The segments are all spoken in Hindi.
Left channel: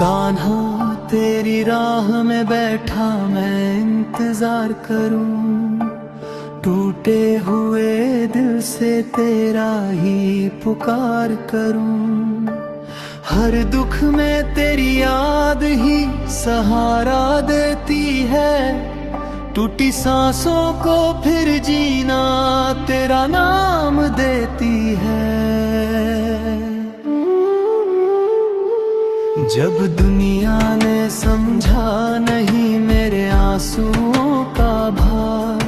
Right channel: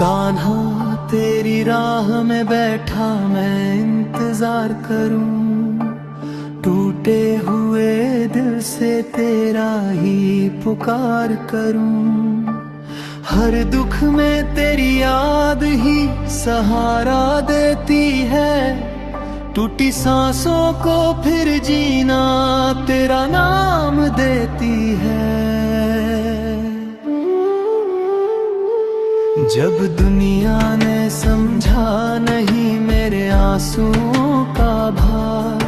कान्हा तेरी राह में बैठा मैं इंतजार करूं, टूटे हुए दिल से तेरा ही पुकार करूं। हर दुख में तेरी याद ही सहारा देती है, टूटी सांसों को फिर जीना तेरा नाम देती है। जब दुनिया ने समझा नहीं मेरे आंसुओं का भार,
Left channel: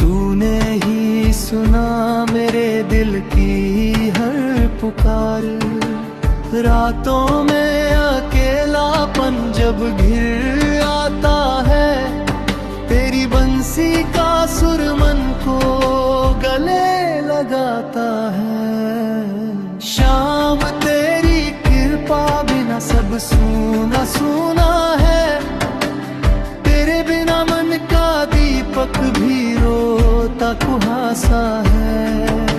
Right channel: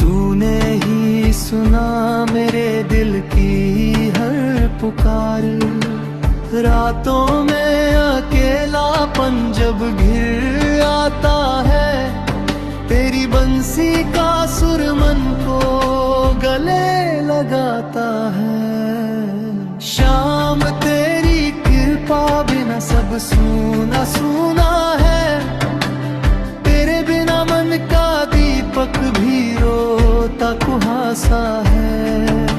तूने ही सुना मेरे दिल की हर पुकार। रातों में अकेलापन जब घिर आता है, तेरी बंसी का सुर मन को गले लगाता है। शाम तेरी कृपा बिना सब सूना सूना है, तेरे बिना मन का दीपक भी रोता कुहासा है।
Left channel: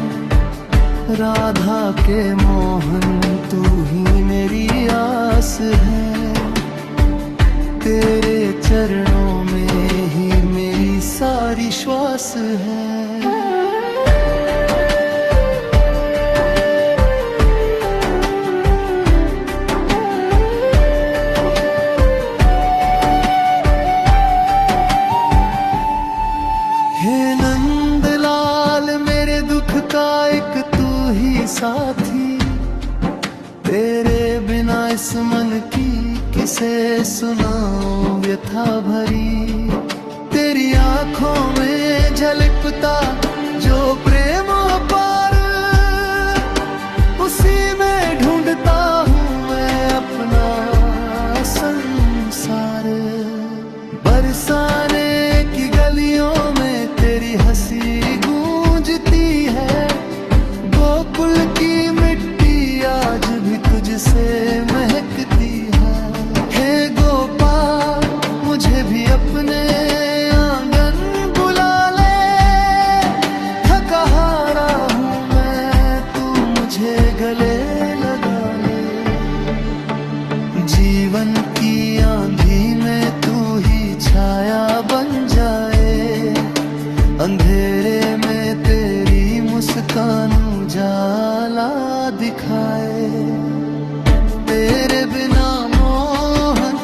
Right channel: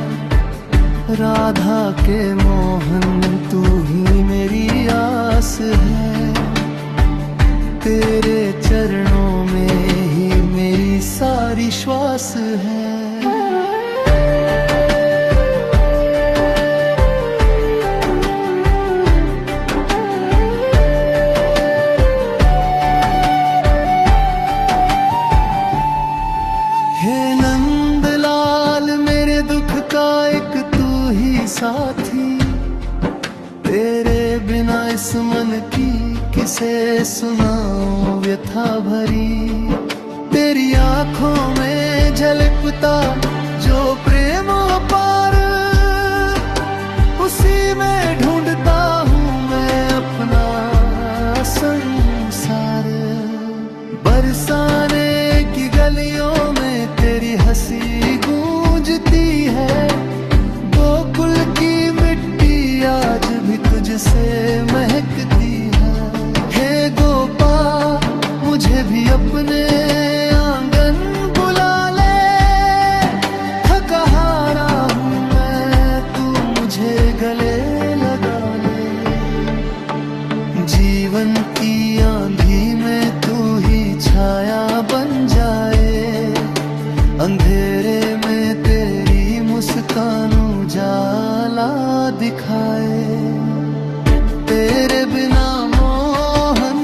राधा के मोहन तू ही मेरी आस है, तेरे चरणों में ही मेरी सारी श्वास है। का एक तू ही साथी, तेरे बिना इस मन की किसे सुनाऊं व्यथा भरी। तेरी आंखों में झलकता जो प्रेम अपार, उसी में ढूंढता हूँ मैं अपना संसार। बरसाने की गलियों में तेरी हंसी गूंजती है, गोकुल की मिट्टी आज भी तुझसे महकती है। हे गोपाल मुझे भी अपने आंगन बुला ले, थका हारा हूँ मैं तू मुझे गले लगा ले। जीवन की आंधी में तू ही छाया बन जाए, अंधेरे में तेरी मुस्कान उजाला दिखाए। तेरे बिना मोहन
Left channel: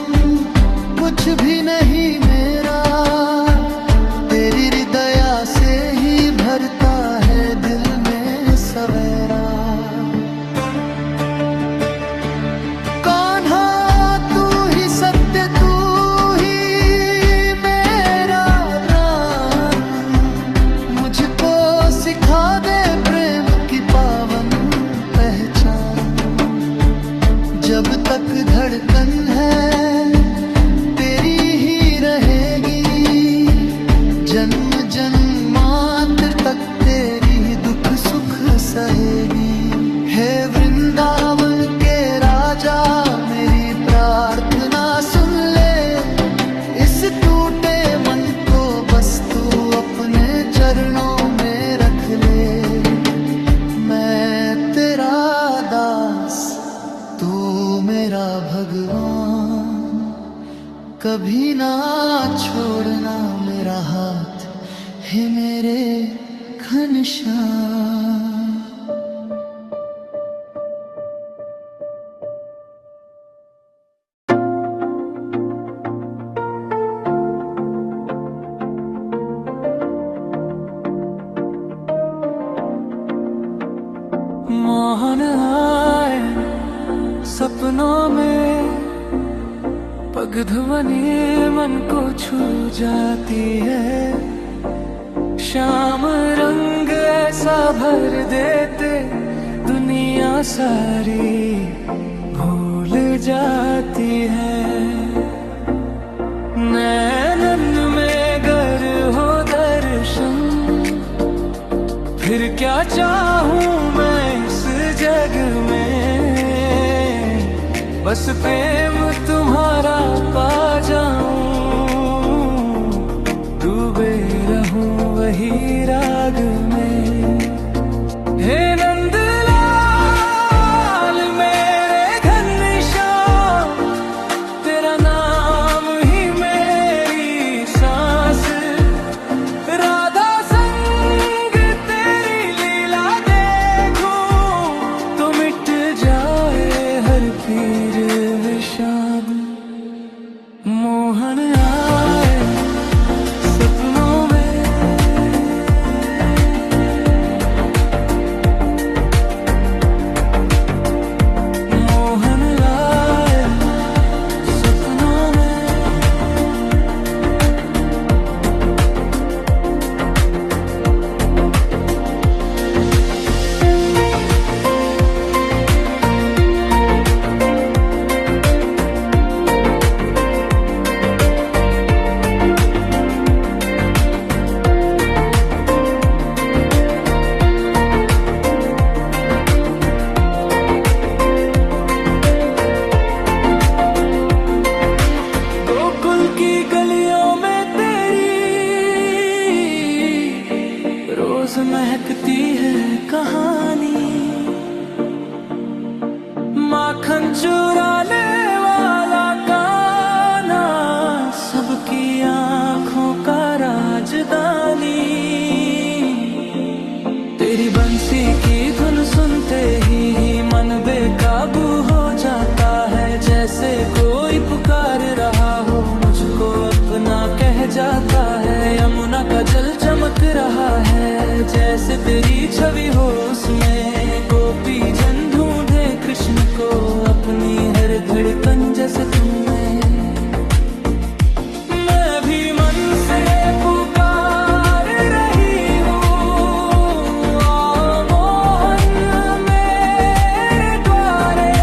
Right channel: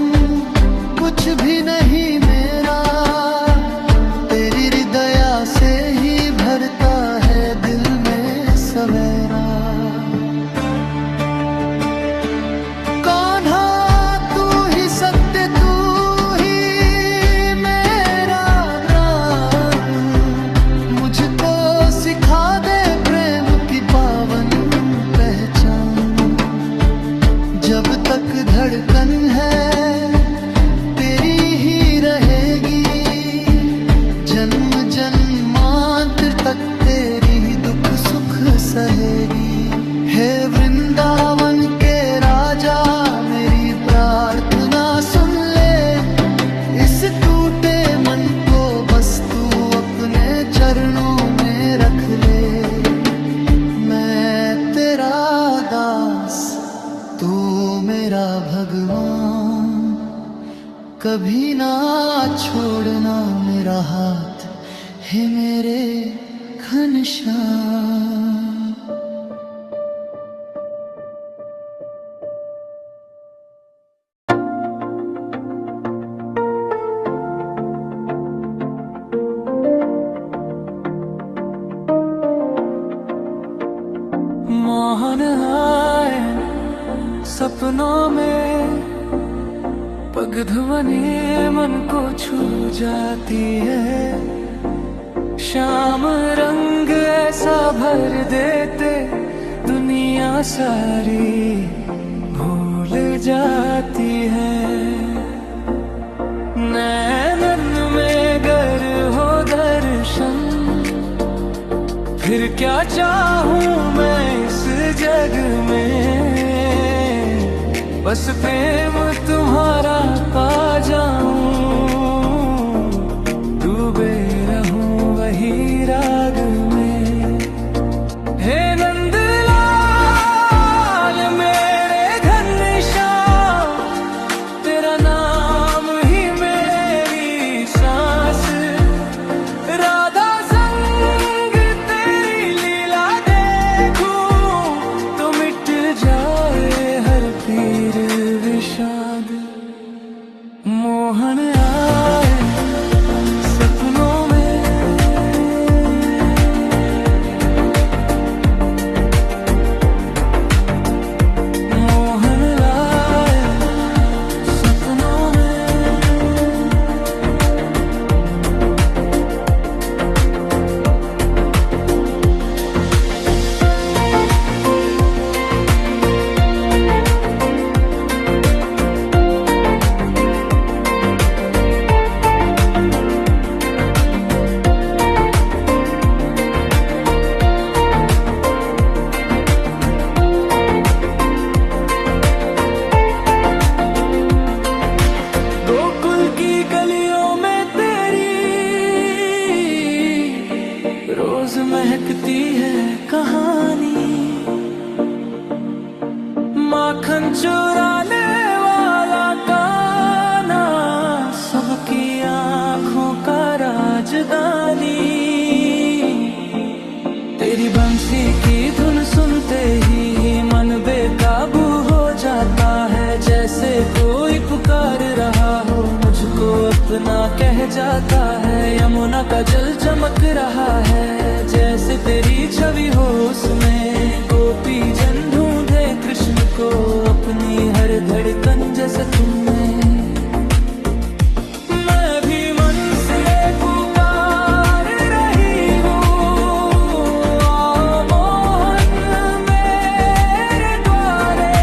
कुछ भी नहीं मेरा, तेरी हृदया से ही भरता है दिल में सवेरा। कान्हा तू ही सत्य, तू ही मेरा प्राण, मुझको सिखा दे प्रेम की पावन पहचान। जब तक धड़कन है तेरी ही रहेगी, जन्म जन्मांतर तक तेरी ही दुख सुख सहेगी। हे वृंदावन के राजा मेरी प्रार्थना सुन ले, इस टूटे मन को बस तू अपने चरणों में रख ले। मैं तेरा दास तू मेरा भगवान, कभी ना छोड़ना मेरा हाथ हे मेरे घनश्याम। मोहन आए सपनों में, पगध्वनि मन को छू जाती है। शाम रंग ऐसा भर देते दुनिया सारी भूल जाती है। नैनन में गर हो दर्शन, फिर क्या चाहूं मैं इस जग में। बस प्रेम तुम्हारा पा मोहन आए सपनों में, मोहन आए सपनों में। गोकुल की गलियों में तेरी रोज महकती है कहानी, माखन चुराने वाला कान्हा सबकी आंखों का राजधानी। तेरी बंसी की धुन सुनते ही मन बेकाबू हो जाता है, जैसे कोई पुकार रहा हो मुझको अपना कह जाता है। यमुना का जल चमक रहा है जैसे तेरी छवि हो उसमें, गोपी जन ढूंढे कृष्ण को अपनी हर धड़कन जैसे तुम में। मैं भी मन से पुकार रही हूँ, आओ मोहन मेरे द्वारे,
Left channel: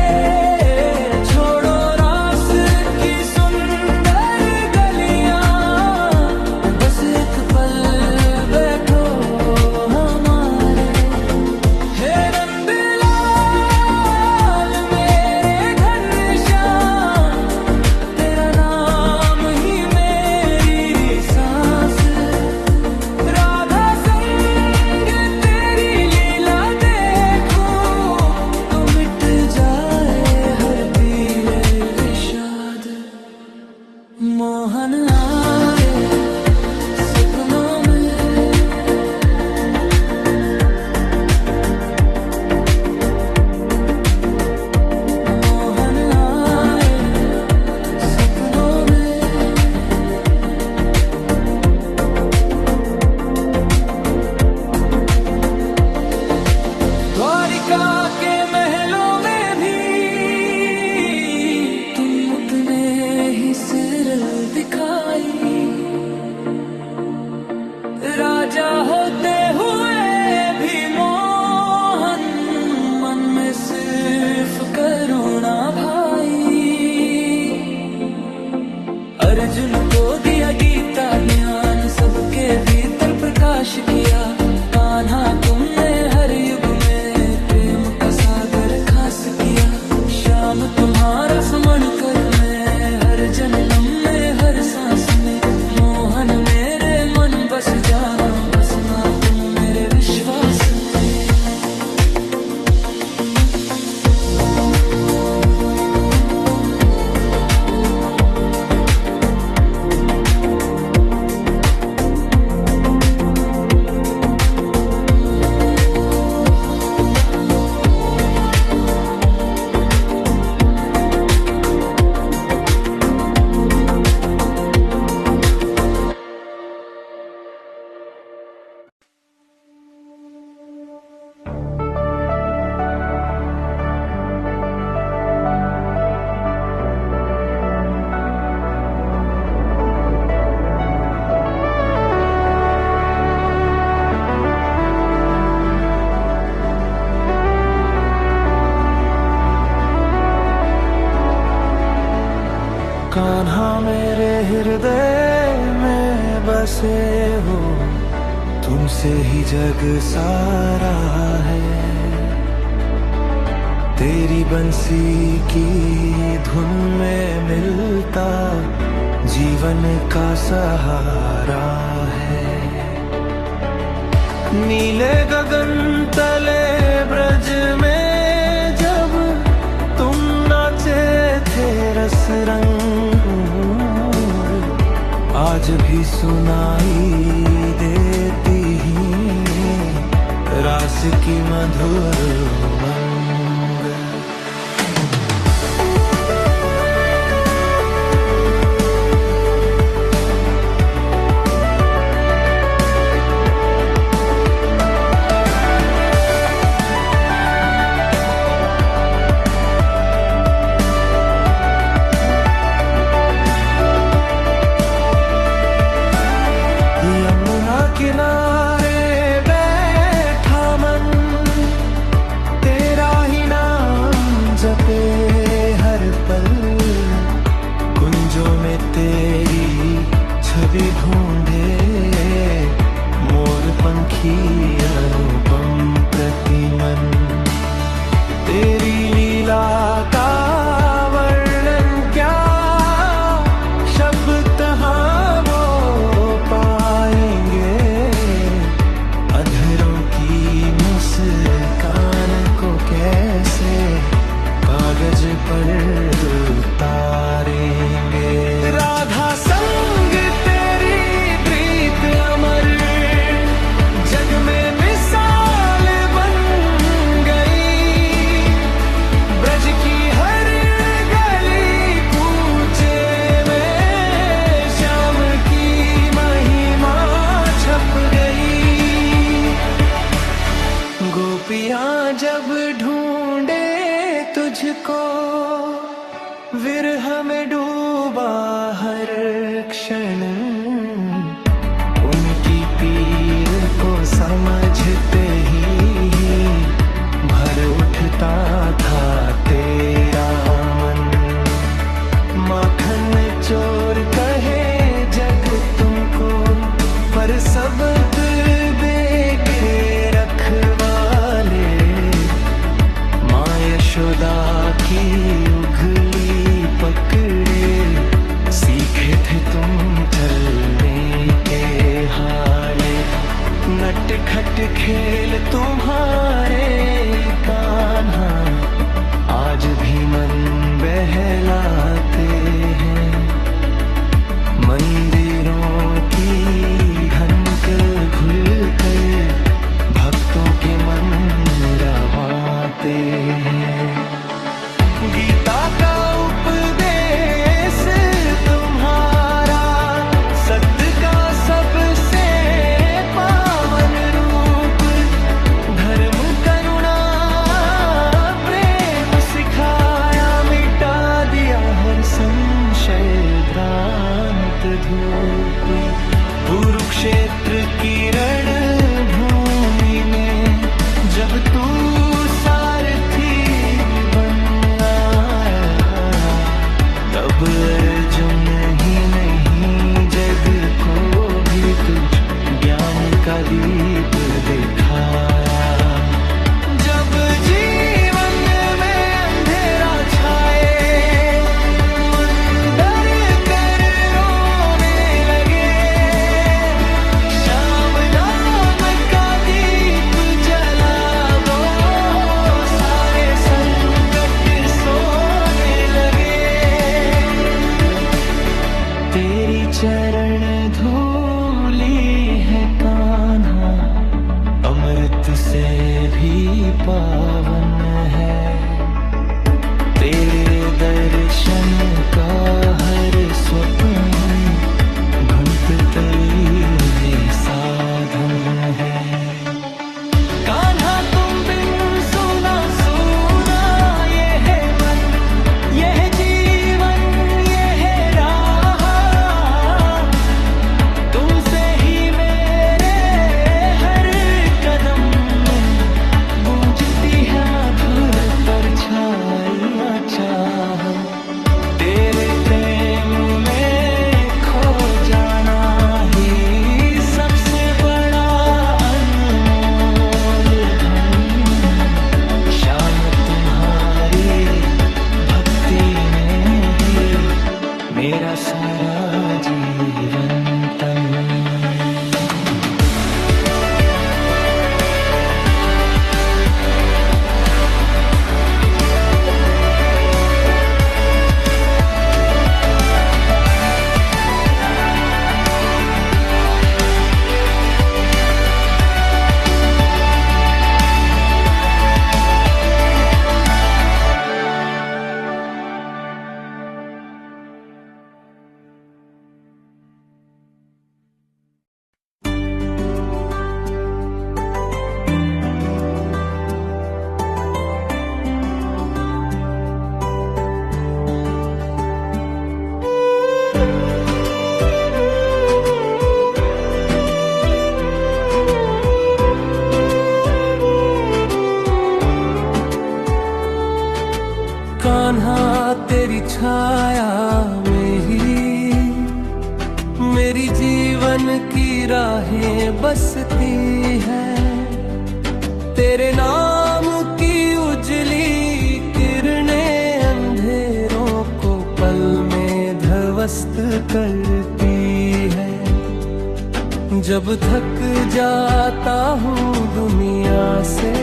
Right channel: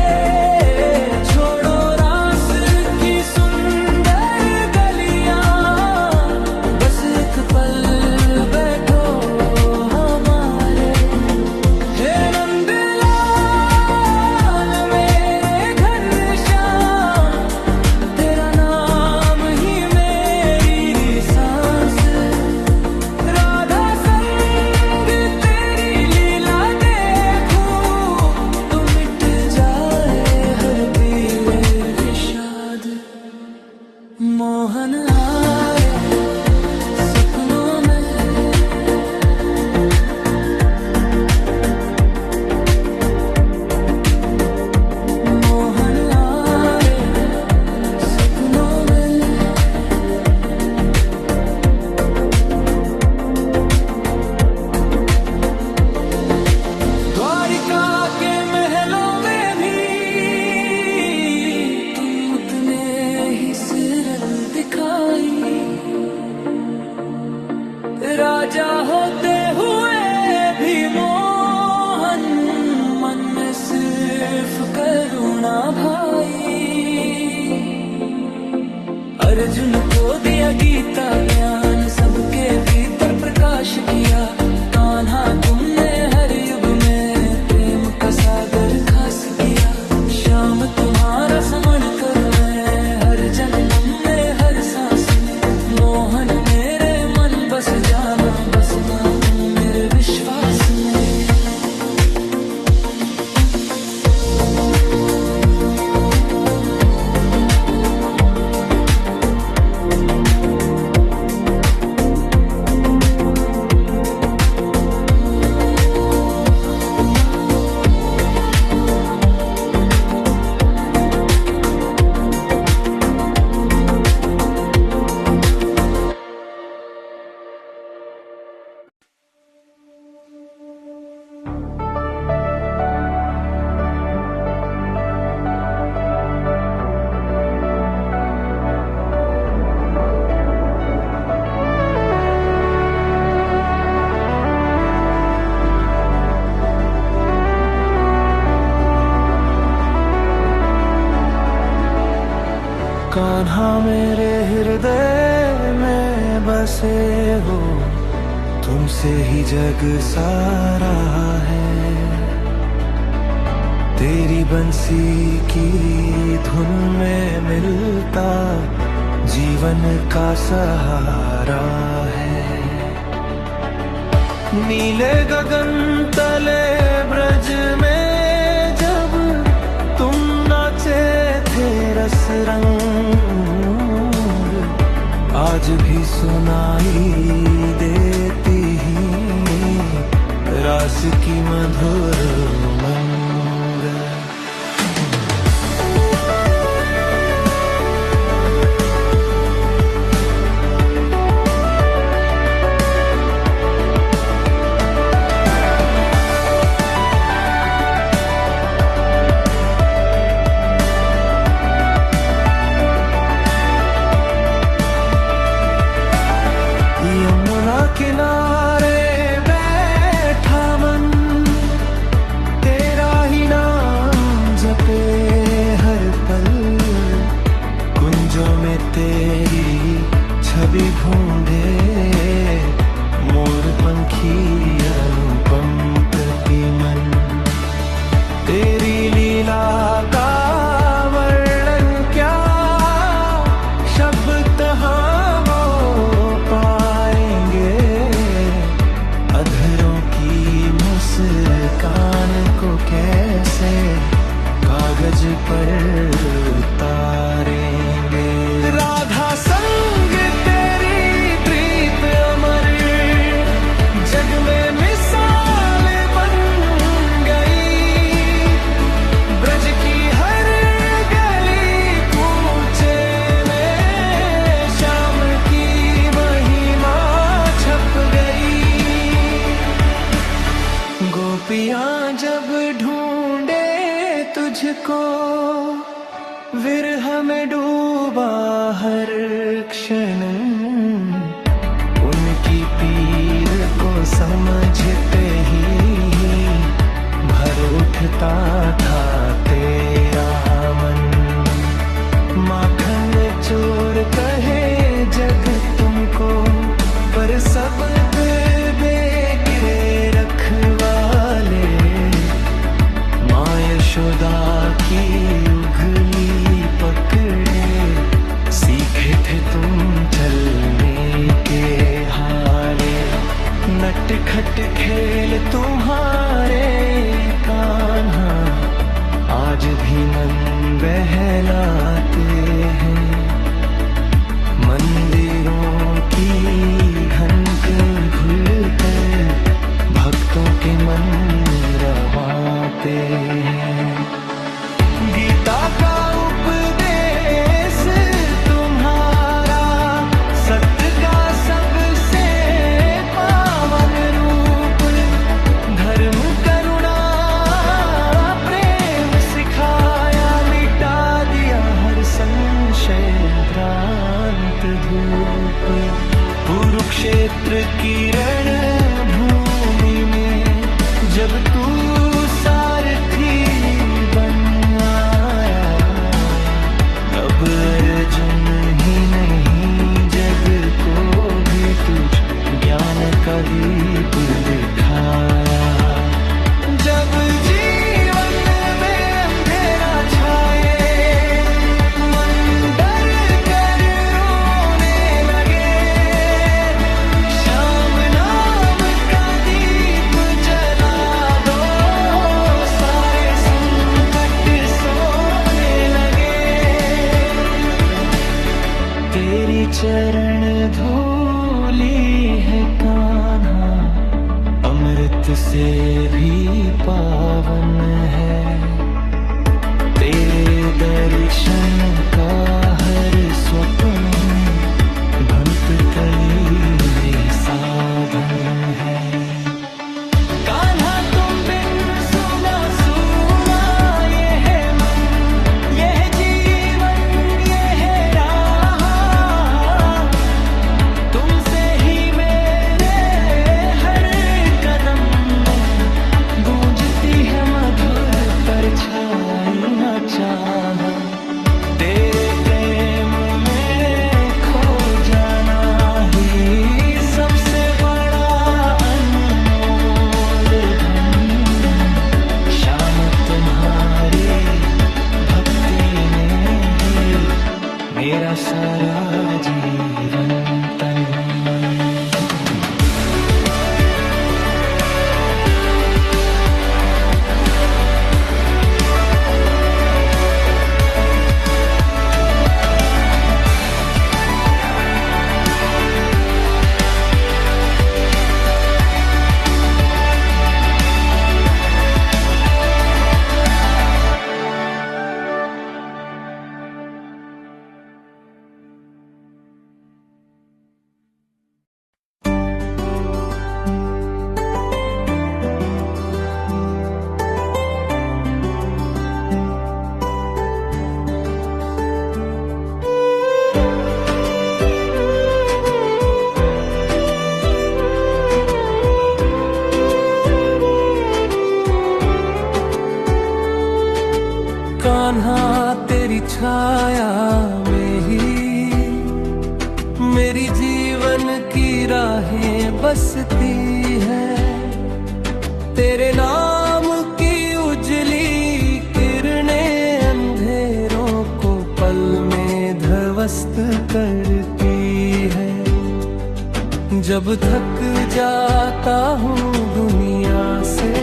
छोड़ो रास की सुंदर गलियां, बस एक पल बैठो हमारे। हे नंदलाल मेरे घनश्याम, तेरा नाम ही मेरी सांस, राधा संग तेरी लीला देखूं तो मिट जाए हर पीले विषाद। मोहन आए सपनों में, मोहन आए सपनों में। द्वारिका के महलों में भी तुम उतने ही सिरल दिखाई, राजा होते हुए भी मोहन मन में सिर्फ करुणा भाई। अर्जुन को दिया गीता ज्ञान, सबके भीतर प्रकाश किया। कान्हा तुमने हर युग में प्रेम का सागर खास किया। श्याम तुम्हारा समण कर मैं हर जन्म में हर सांस में, मोहन मेरे मन बस जाना बसना तुम मेरे विश्वास में। कान्हा मेरे हृदय में बसे हो, तुमसे ही जग सारा है। तेरी बंसी की धुन में मिलता जीवन का सहारा है। नीले गगन तले ब्रज में जब तुम नाचे थे रस रंग, आज भी सुनाई देती ही रास की मधुर उमंग। ख्वाजों में तेरी छवि ढूंढे, मोर पंखी अनुपम प्रतिमन। तेरी लीला का वर्णन क्या शब्द कहाँ वो पाएंगे, अधरों की मुस्कान को कैसे कागज पर उतारेंगे। राधा संग तेरी प्रीत अमर जग में मिसाल बन गई, ब्रज की हर गली कूचे में श्याम की महिमा छप गई। गोपियां जब ढूंढे तुझको, विरह में डूबा हर क्षण, उनकी पीर को समझते ही भर उठता था तेरा मन। माखन चोर कहे जग तुमको, पर सबक बेके रखवाले, माँ यशोदा की उंगली पकड़े सीखे थे तुम चलने के हाले। नटखट खेल तुम्हारे कान्हा आज भी मन बहलाते हैं, मंदिरों की घंट खुलकर भक्तों के मन रवाते हैं। गीता का उपदेश तुम्हारा सत्य का सबसे पावन रूप, धर्म करुणा प्रेम सिखाया, मिटा दिया हर संशय भ्रांत धूप। कुरुक्षेत्र की रण भूमि में जब तू सारथी बन आया, तब अर्जुन ही नहीं जग को भी तू ज्ञान का दीप दिखाया। जब जीवन में अंधेरा छाए, तेरी चरण धूली है कान्हा, अमृत से भी पावन है। तेरे दर्शन का हर स्वप्न भंपतली साधन है। कान्हा तुम बिन सुना सुना ये है मन, ये है जीवन, ये है राह, तुमसे ही मेरे हर कदम में गूंजती है मधुर परछाइयाँ चाह। तेरे प्रेम में खो जाना ही सबसे बड़ा अनमोल धन। शाम तुम्हारी भक्ति में ही मेरा सारा जीवन तन मन। कान्हा तेरी छाया में ही तेरी जीवन की राहें बसती है, तेरे नाम की उजली किरणें अंधेरों को पल में ध्वस्त करती है। जब थक जाता हूँ दुनिया से,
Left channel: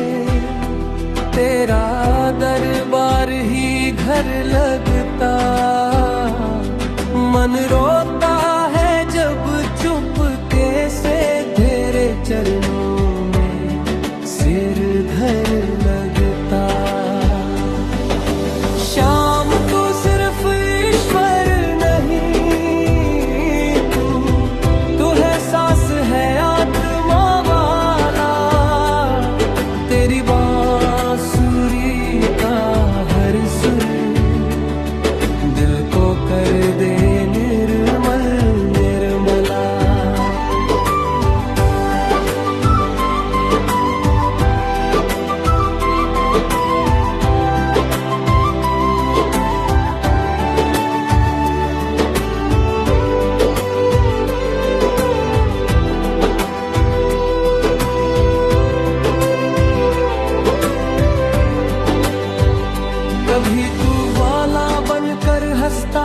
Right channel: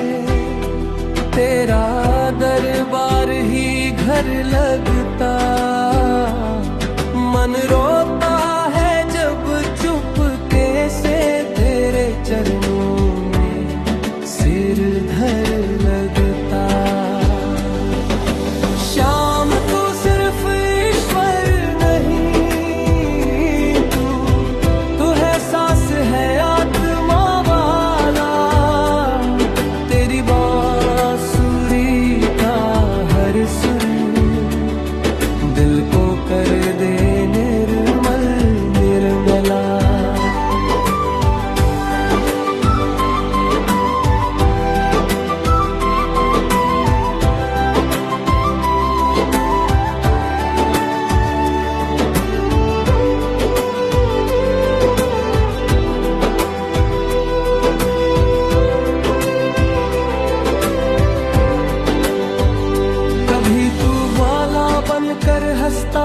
तेरा दरबार ही घर लगता। मन रोता है जब चुपके से तेरे चरणों में सिर धर लगता। श्याम तू सिर्फ ईश्वर नहीं, तू है सांस है आत्मा वाला। तेरी बांसुरी का हर सुर दिल को कर दे निर्मल निर्मला। कभी तू वाला बनकर हंसता,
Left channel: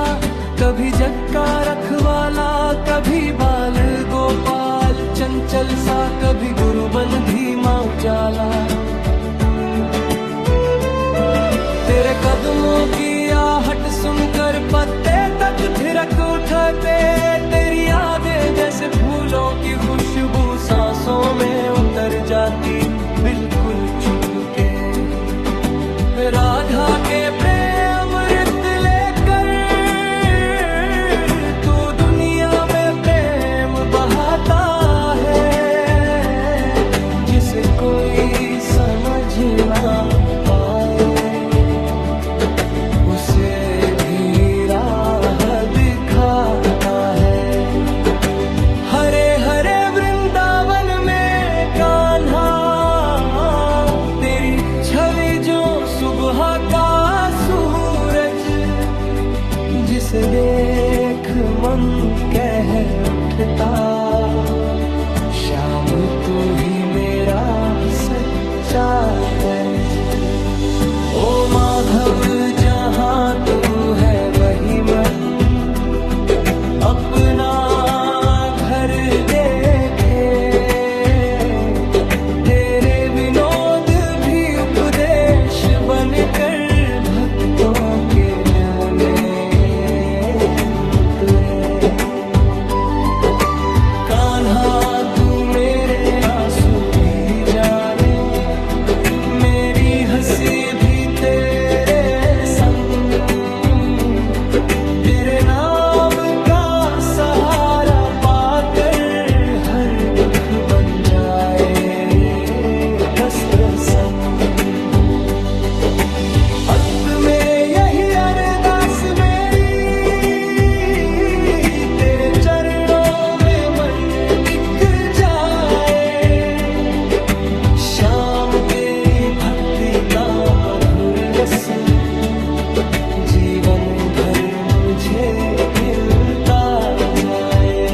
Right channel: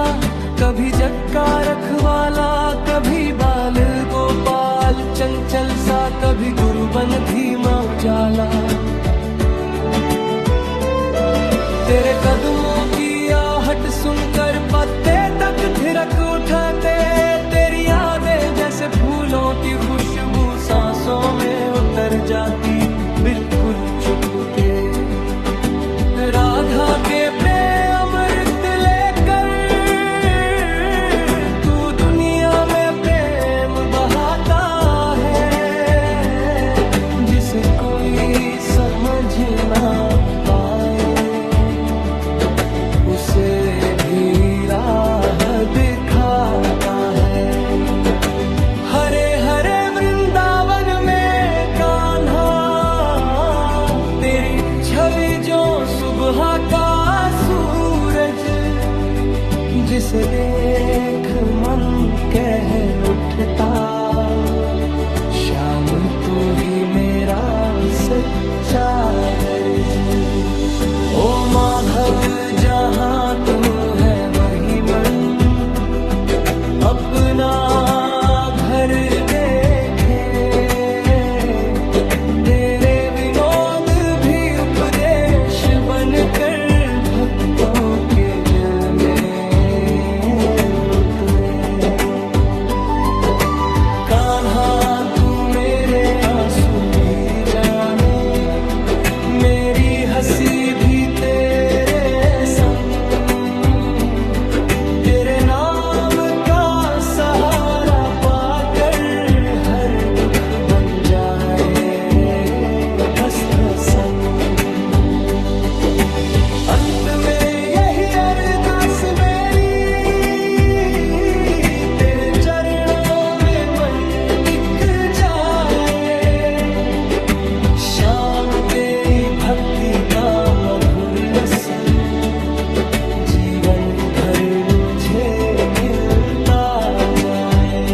कभी जग का रखवाला, कभी बाल गोपाल चंचल सा, कभी गुरुबन धीमा उजाला। तेरे कदमों की आहट सुनकर पत्ते तक थिरक उठते। तेरी यादें जैसे फूलों की खुशबू सांसों में उतर जाती बिल्कुल चुपके। राधा के प्रेम अमृत लेकर तू दुनिया में प्रेम बहाता है, जिसे कोई समझ ना पाए उसे भी राह दिखाता है। हरे हरे वृंदावन में कान्हा, तेरी छवि जो सुबह का सूरज, जिसे देख मन कह उठता, श्याम तू ही मेरा सच्चा दर्ज। ओ माधव जहाँ तू है वही मन अपना घर देखे। तेरे विनोद भी उपदेश बनकर भक्तों के दिल में उतरे। कान्हा तू मेरे आंसू भी जाने, मेरी हंसी भी तेरे संग। तेरे नाम का सहारा पाकर हर दुख बन जाए बस प्रसन्न। अंत में यही अरदास मेरी, तेरे चरणों में मन टिक जाए। श्याम तेरी भक्ति का मधुर रस जीवन भर मुझे मिलता जाए।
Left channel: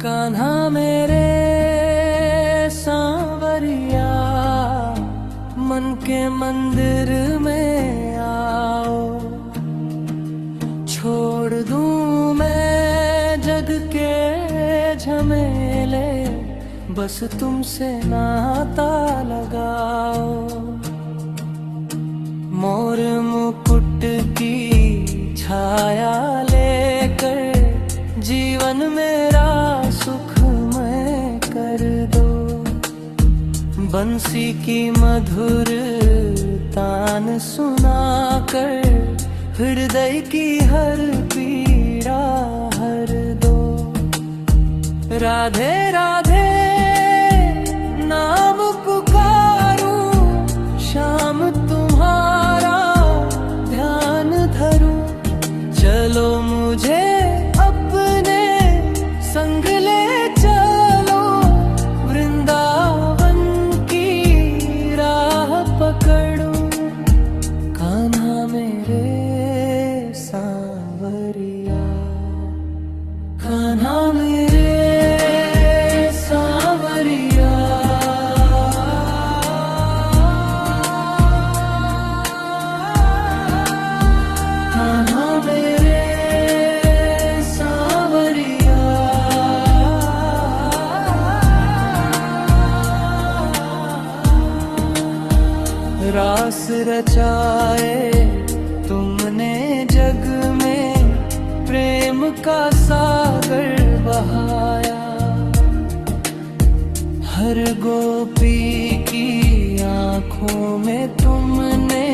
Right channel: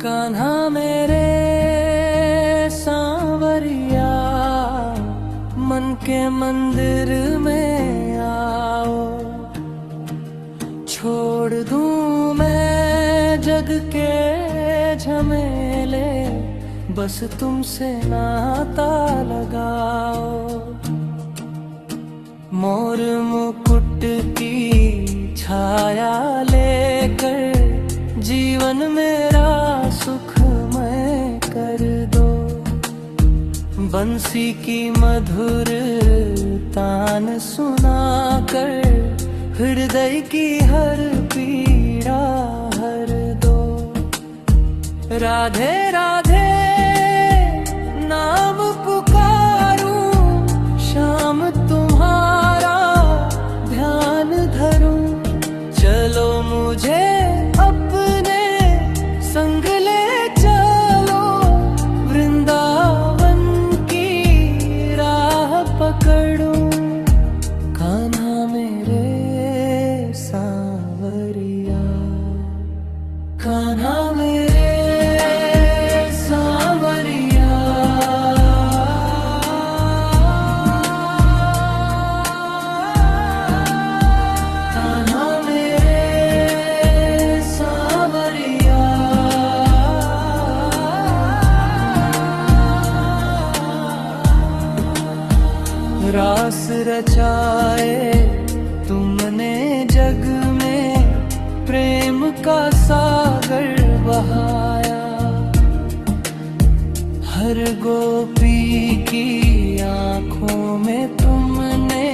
कान्हा मेरे सांवरिया, मन के मंदिर में आओ। छोड़ दूं मैं जग के झमेले, बस तुमसे नाता लगाओ। मोर मुकुट की छाया लेकर जीवन मेरा सुखमय कर दो। बंसी की मधुर तान सुनाकर हृदय की हर पीड़ा हर दो। राधे राधे नाम पुकारूं, शाम तुम्हारा ध्यान धरूं। चलो मुझे अपने संग ले चलो, वृंदावन की राह पकड़ो। कान्हा मेरे सांवरिया, कान्हा मेरे सांवरिया। कान्हा मेरे सांवरिया। रास रचाए तुमने जग में, प्रेम का सागर बहाया। हर गोपी की आंखों में तुमने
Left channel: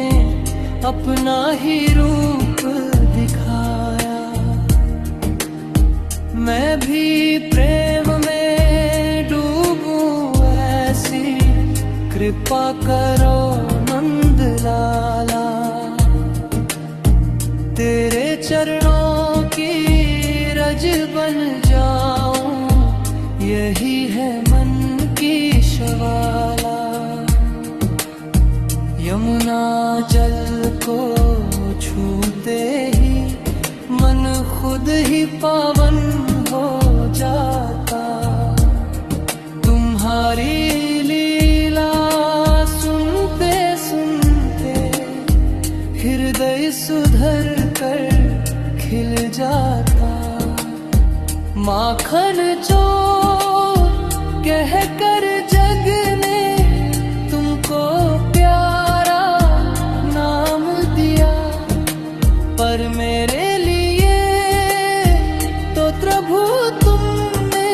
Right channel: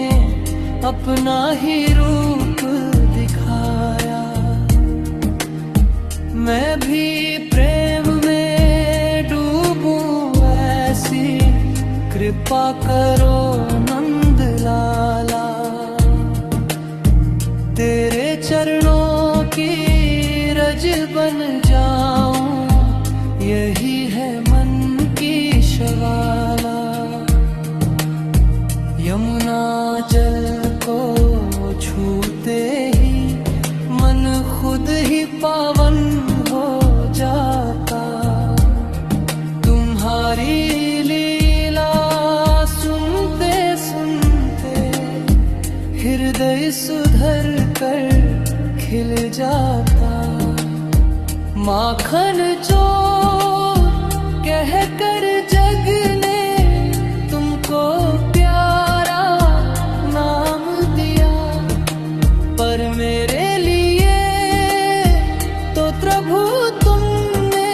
अपना ही रूप दिखाया। मैं भी प्रेम में डूबूं ऐसी कृपा करो नंद लाला। तेरे चरणों की रज बन जाऊं, यही है मन की शवाला। यमुना जल को छूते ही मन खुद ही पावन हो जाता। तुम्हारी लीला सुनते सुनते हृदय सुधर कर खिल जाता। माखन चोर कह कर जग ने तुमको प्यारा नाम दिया, पर मेरे लिए तो प्रभु तुमने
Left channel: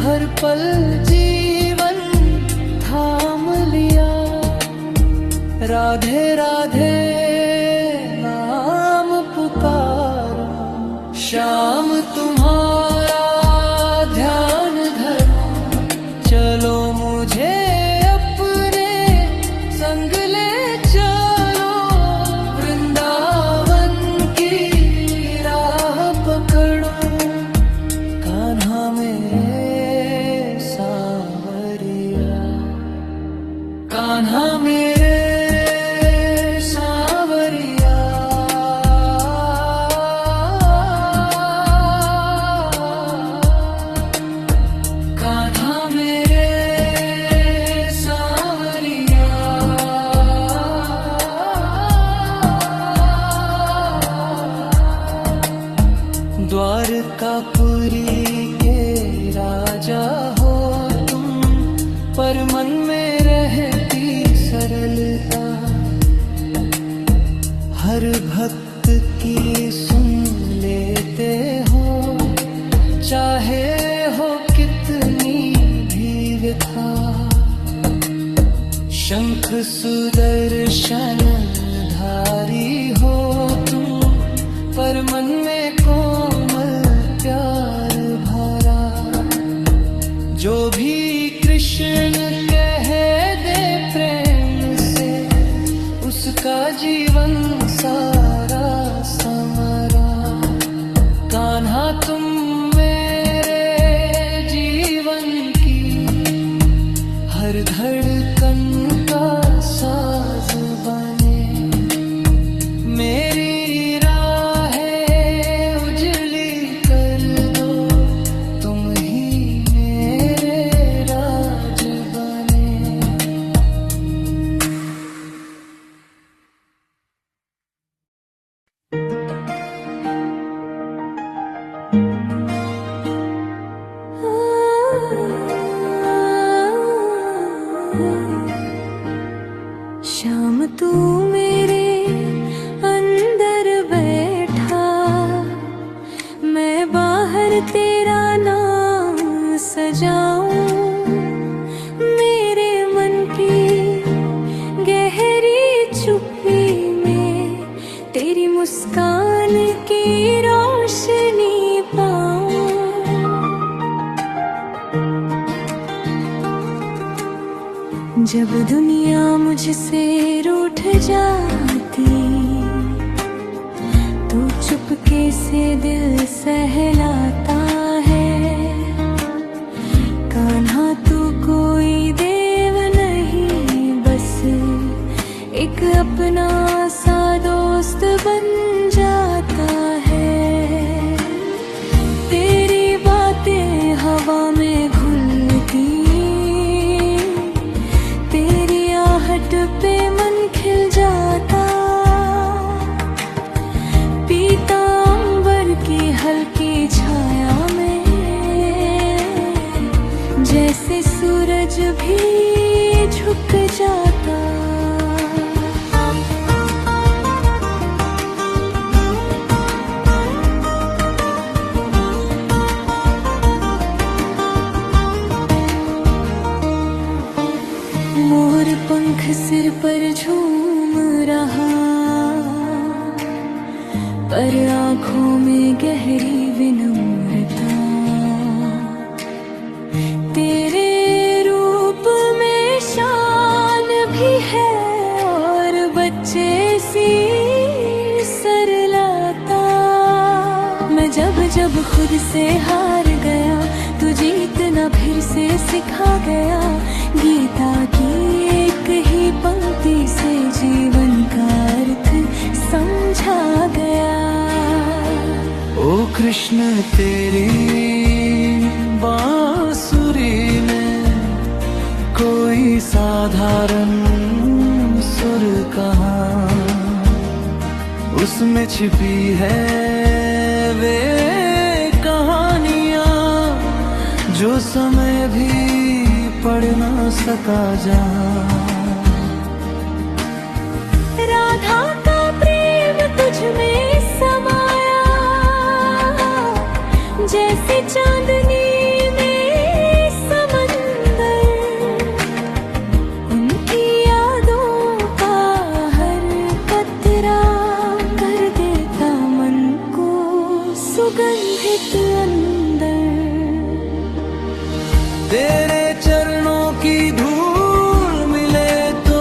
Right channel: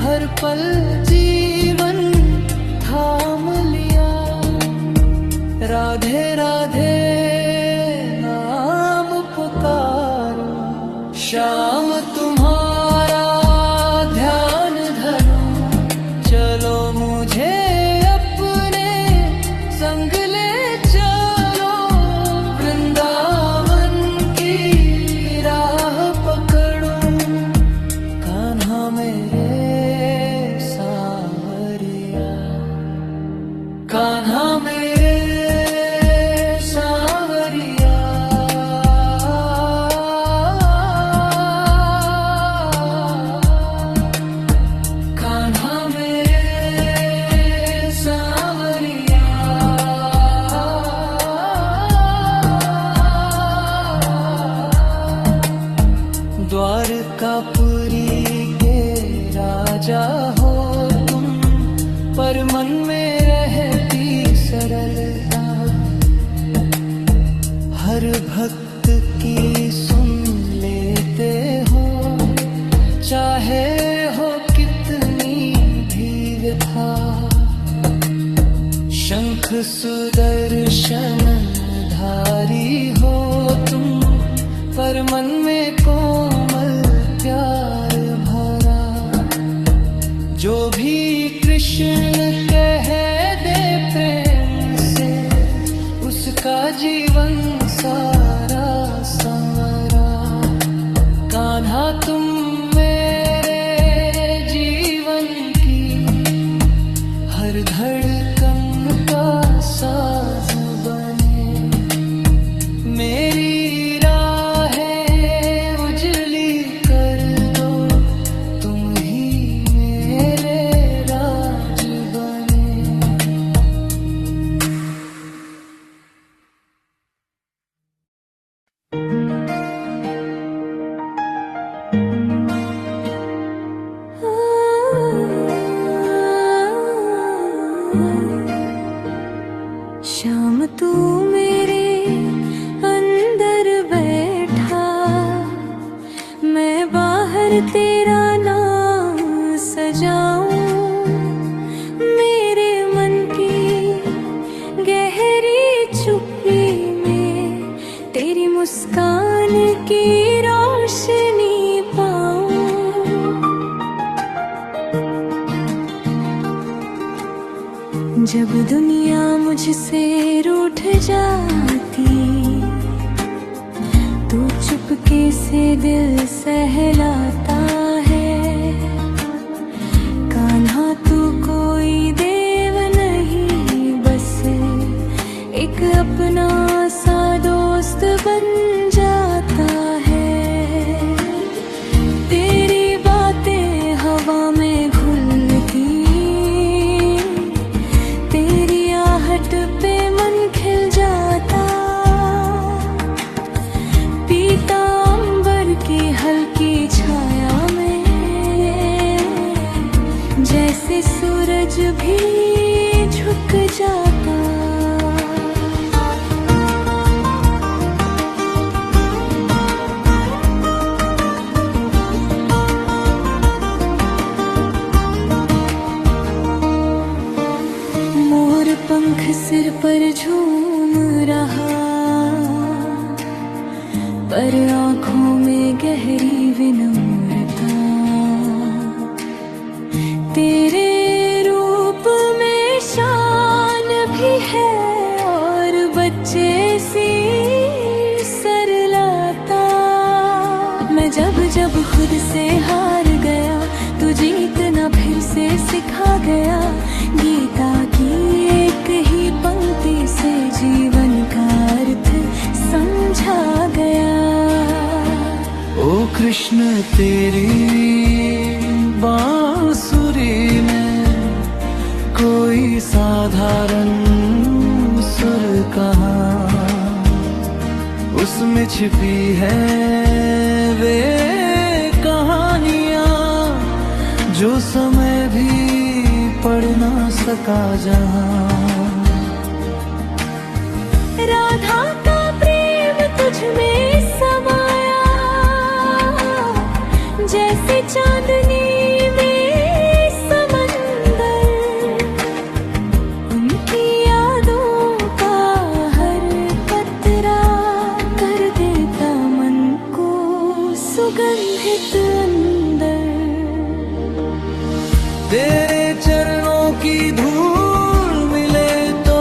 हर पल जीवन थाम लिया। राधे राधे नाम पुकारूं, शाम तुम्हारा ध्यान धरूं। चलो मुझे अपने संग ले चलो, वृंदावन की राह पकड़ो। कान्हा मेरे सांवरिया, कान्हा मेरे सांवरिया। कान्हा मेरे सांवरिया। द्वारकापुरी के राजा हो तुम, पर मन में रहती सरलता। हर भक्त की सुन लेते हो, चाहे हो कितनी भी व्यथा। शंख सुदर्शन धारी हो तुम, पर मन में कोमल प्यार भरा। जो भी कृष्ण कह दे प्रेम से, उसका जीवन सारा संवरा। कान्हा तुम मेरे जीवन की हर धड़कन का साज बने। मेरी राहें उजली कर दो, तुम ही मेरे राज बने। शाम तू मेरे अंदर बैठा, मैं बाहर तेरा नाम सजाऊं। मेरे मन की गहरी चुप्पी में तेरी मुस्कान की रोशनी पाऊं। जब दुनिया मुझसे रूठ जाती, तू चुपके से दिल सहलाता है। कान्हा तू कोई देव नहीं, बस एक अपना सा दोस्त बन जाता है। तेरी बातें हवा में घुलती, तेरी आहट पे मन खिल जाता। पीतांबर की हल्की छाया में जैसे सूरज भी झुक जाता। मोर पंख सिर पर झूम रहा, पर आँखों में गहरी विनम्रता। तेरे रूप में शान भी है और बच्चे सी सरलता। मैं जब जब खुद से हार गया, तू जीतना फिर से सिखा गया। गीता की एक ही पंक्ति से जीवन का अर्थ समझा गया। ओ कृष्ण तेरी बांसुरी में कोई साधारण सुर कहाँ, उसमें छिपी है वे कहानियाँ जो समय भी पढ़ ना सका जहाँ। राधा का प्रेम तुझ में समाया, जैसे चांदनी में समंदर। उनकी यादों का हर कतरा कर देता मन को सुगंधित अंदर। तेरे चरणों की धूल मिले तो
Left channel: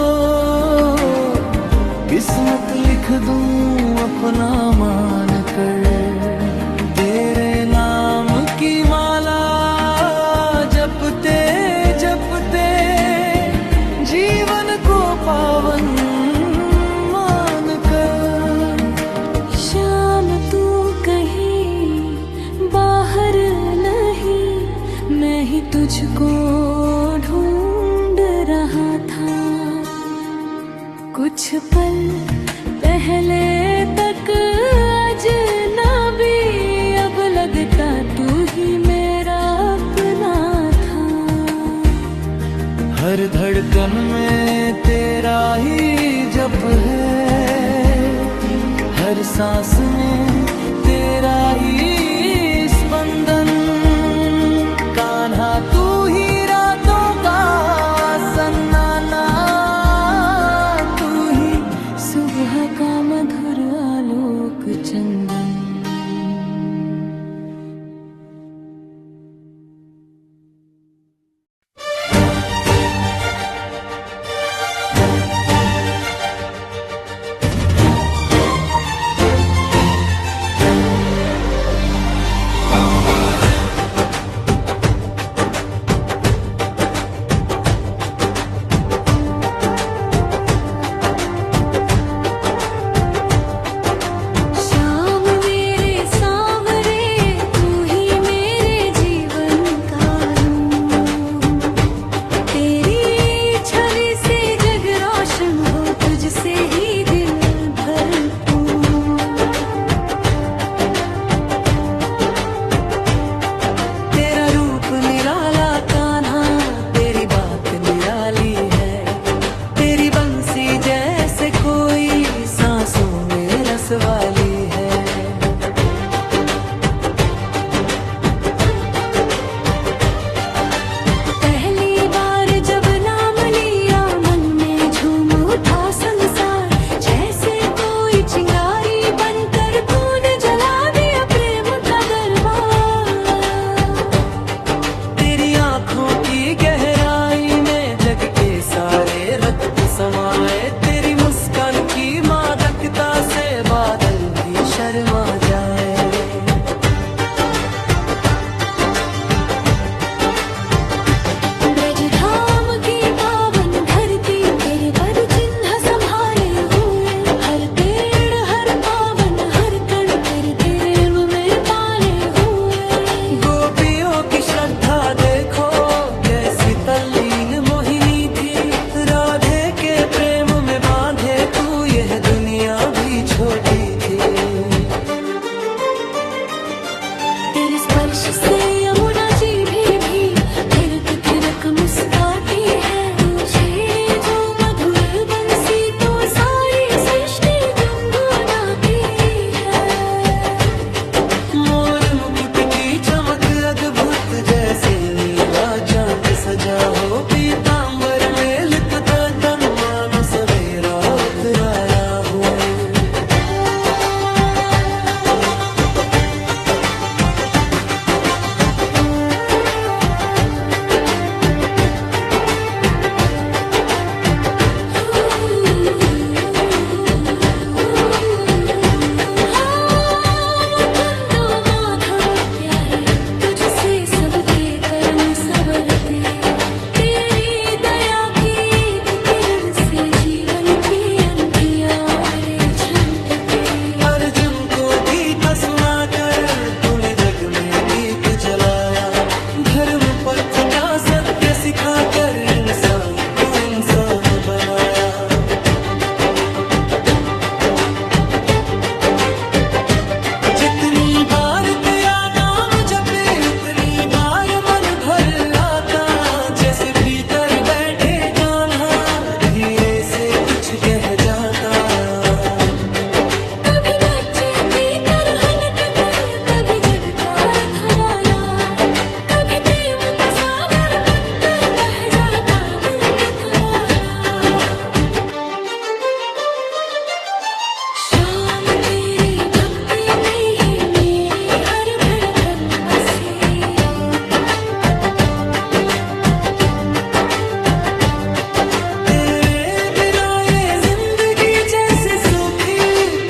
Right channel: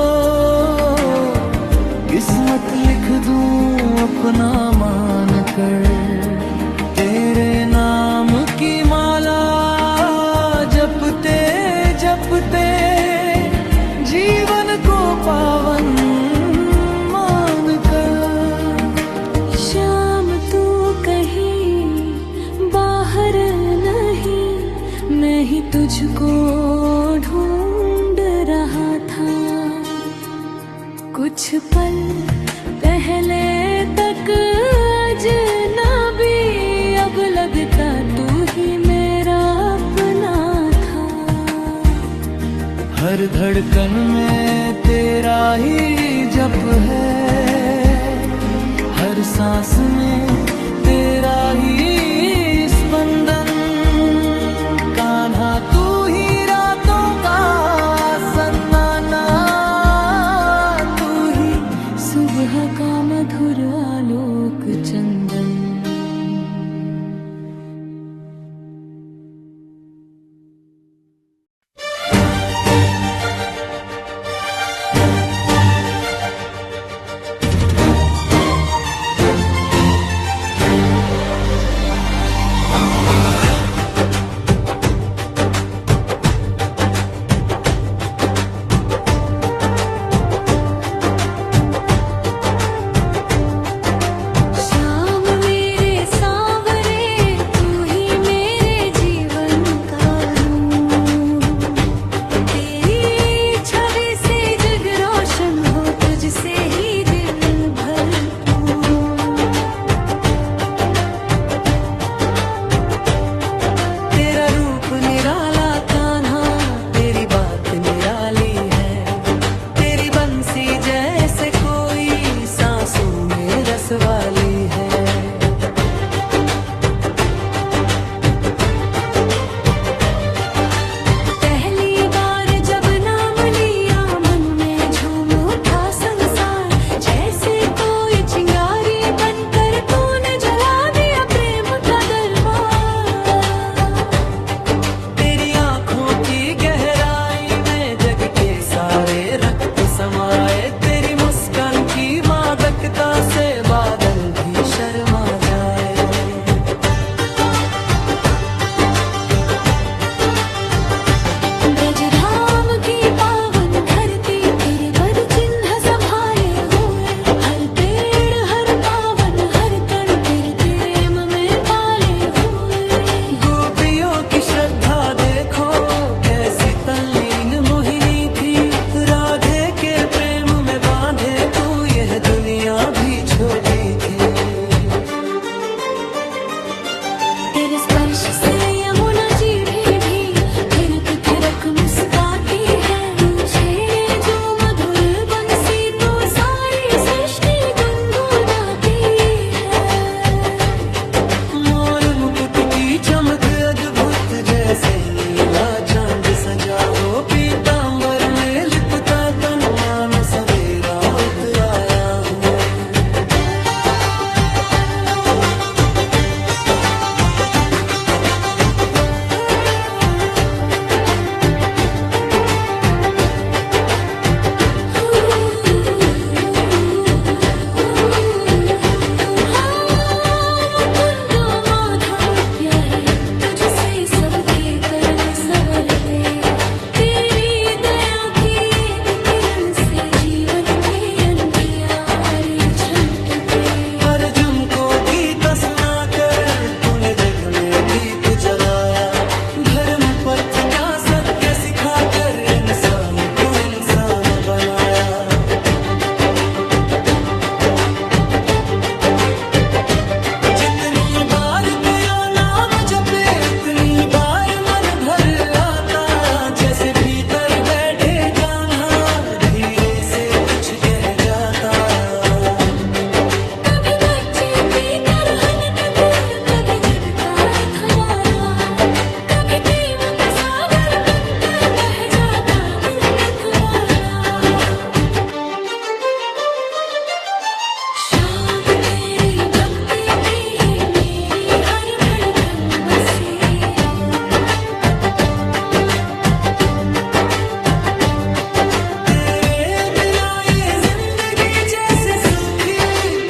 किस्मत लिख दूं अपना मान कर। तेरे नाम की माला जपते जपते जीवन को पावन मान कर। शाम तू कहीं बाहर नहीं, मैं ही तुझको ढूंढ रहा था। कुछ पल पहले तक अजनबी, अब लगता तू ही मेरा अपना था। हर धड़कन में तेरा ही जप है, हर सांस में तेरा ही स्पंदन। कान्हा तू ही रातों का सन्नाटा, तू ही सुबह का मधुर आलोक चंदन। तुझसे ही दिल भरपूर। तेरा रूप निराला कान्हा, तेरी बात निराली है। तेरी बंसी जैसे कोई सांसों में रस वाली है। पहली बार जब नाम लिया, मन में झूम उठा संसार। जैसे कोई चिंगारी बनकर तूने जला दिया प्रेम का दरबार। तेरी आँखों की गहराई में जग के सारे रक्त समाए, तेरी मुस्कान की मादकता से बादल भी शर्मा जाए। ब्रजधाम की पावन धरती तेरे पद चिन्ह संभाले हुए, हर पेड़ हर पावन हर कण तेरे प्रेम में पाले हुए। गोपियों की श्रद्धा देखो कैसी तल्लीन मोहिनी थी, राधे के प्रेम में बांधे तू यह दुनिया भी छोटी थी। तेरे स्पर्श से यमुना जी भी थिरक थिरक मुस्काती है, तू छेड़े जो मधुर बंसी तो सारी सृष्टि गुनगुनाती है। मोर मुकुट की चमक अद्भुत जैसे नीला चांद सजा हो, पीतांबर में लिपटा तन मानो सवेरा उतराया हो। सबके कर्म संवरते, तेरी दया की एक किरण से जीवन के अंधियारे झलकते। अर्जुन को गीता सुनाकर तूने जग में दीप जलाया, धर्म पथ का सत्य सिखाकर इंसान को इंसान बनाया। जितनी बार तेरा नाम जपे उतनी बार मन भर आता, जैसे भीतर बैठे कान्हा धीरे से कुछ कह जाता। कभी बच्चे की तरह नटक, कभी जग का रखवाला, कभी प्रेम का सागर बनकर बह जाता दिल मतवाला। शाम तेरी भक्ति में ही मेरी हर धड़कन बसी, तेरे बिना ये जिंदगी जैसे सूखी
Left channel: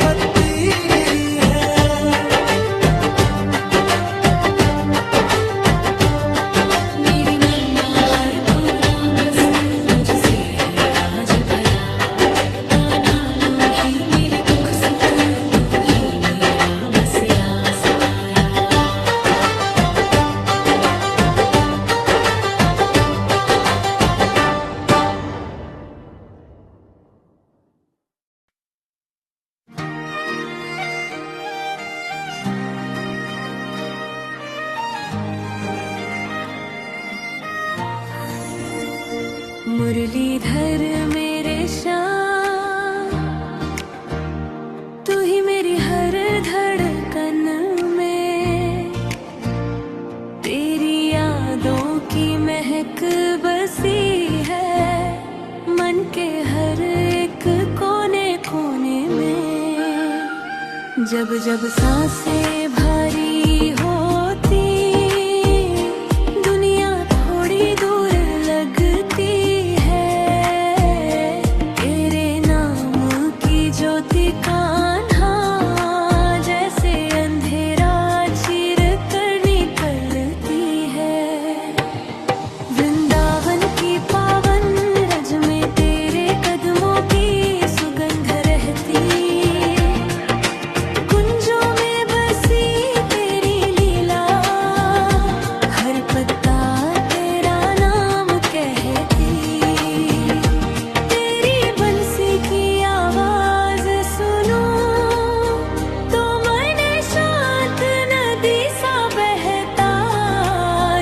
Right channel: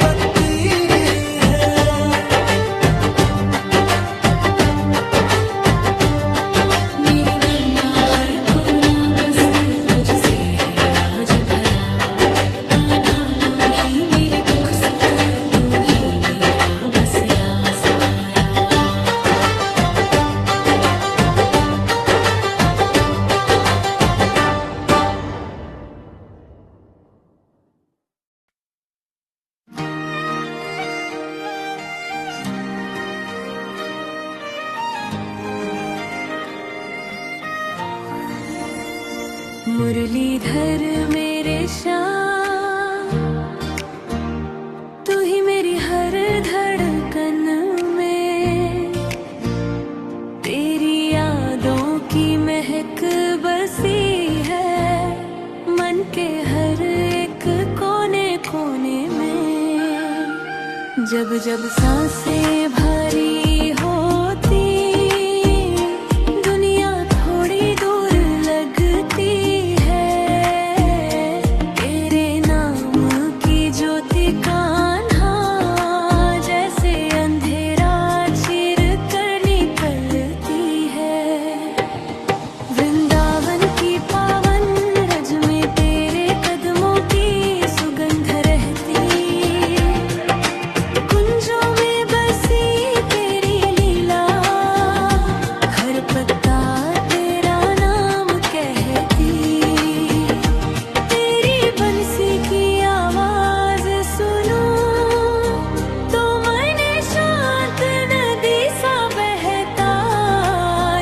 पत्ती गिरी है। मेरे मन का हर कोना बस तुझसे है आज भरा, कान्हा तू ही मेरे दुख सुख, तू ही मेरा बसेरा सहारा। मुरलीधर मेरे श्याम, तू ही मेरी हर धड़कन में, तेरी यादों की महक बसी है मन के हर एक कोने कोने में। जब जब सांसें भारी होती, दुनिया थोड़ी दूर लगती है, तेरे नाम की ज्योति कान्हा जैसे अंधेरा चीर कर निकलती है। वृंदावन की पावन रज में तेरे कदमों की सुगंध रहती, कुंजों में बसी तेरी लीला, हर पत्ता तेरा नाम कहती। तेरी बंसी की आवाज सुनूं तो मन शांत नदी सा बहता,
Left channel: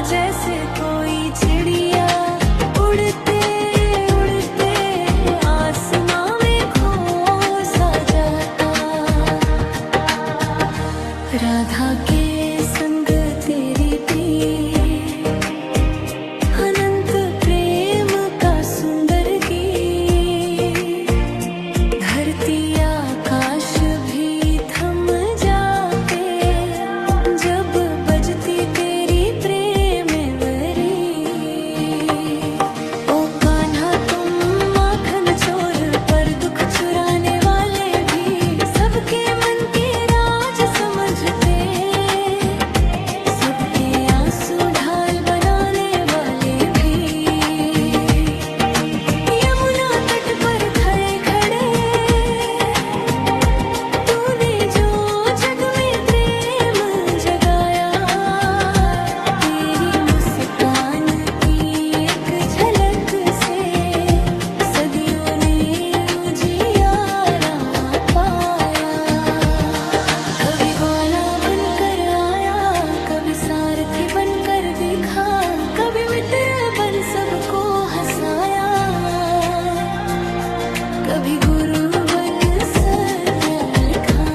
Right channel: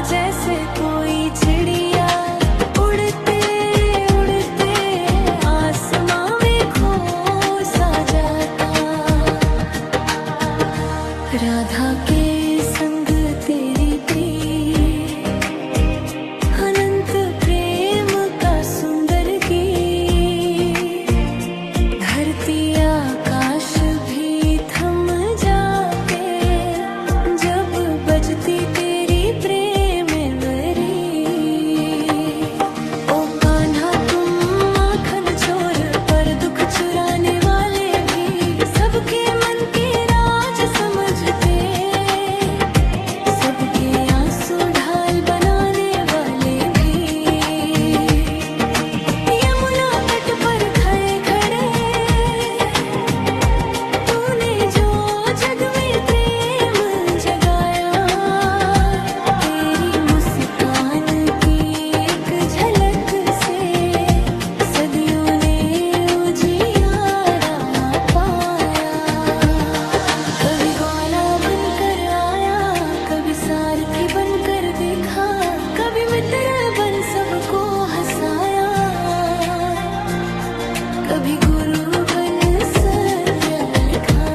जैसे कोई चिड़िया उड़ते उड़ते आसमां में खो सा जाता। राधा के संग तेरी प्रीत, अनंत प्रेम का सुंदर गीत, धरती आकाश भी थम जाते जब बजती तेरी प्रेम वरी। ओ कान्हा तुम कभी सारथी बनकर देखा, कभी मित्र बन सबको हंसाया, कभी गुरु बन सत्य लिखा।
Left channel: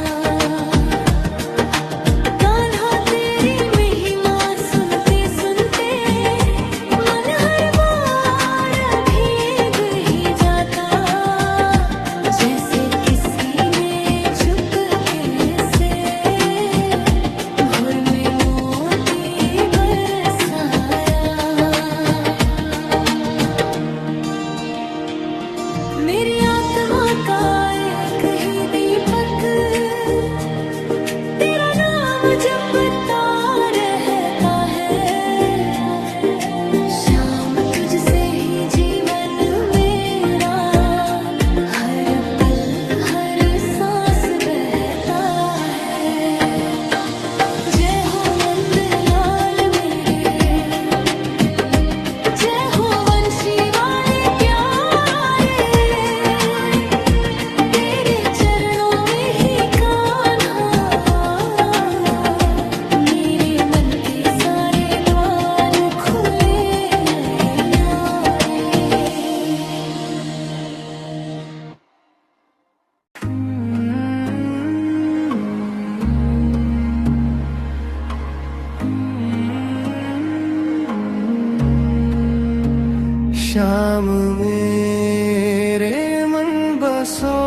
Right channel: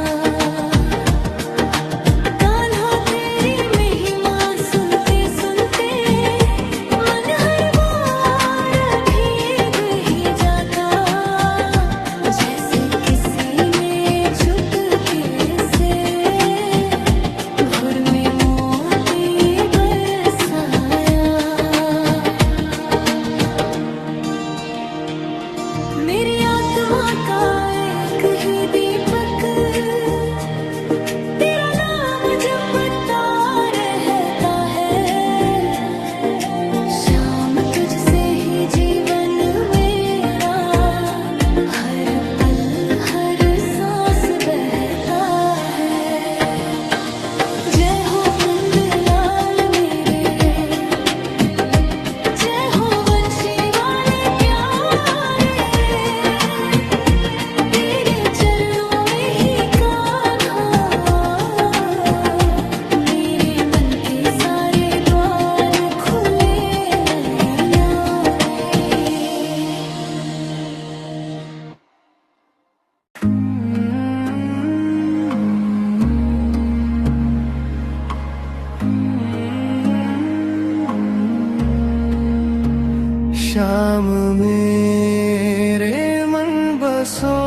कान्हा तेरी महिमा सुनते सुनते मन हर बार भीग ही जाता, जैसे किसी ने चुपके से भोर में मोती बरसाया। मेरी आत्मा का एक ही दीपक तेरा नाम जपता रहता है, शाम तुझसे ही जीवन मेरा हर पल हर सांस बहता है। जय हो नंदलाल मेरे, जय हो वंशी वाले प्यारे, तेरे चरणों में ही कान्हा मेरे मन के सारे द्वार खुले नयनारे। शाम मेरे मन बसो,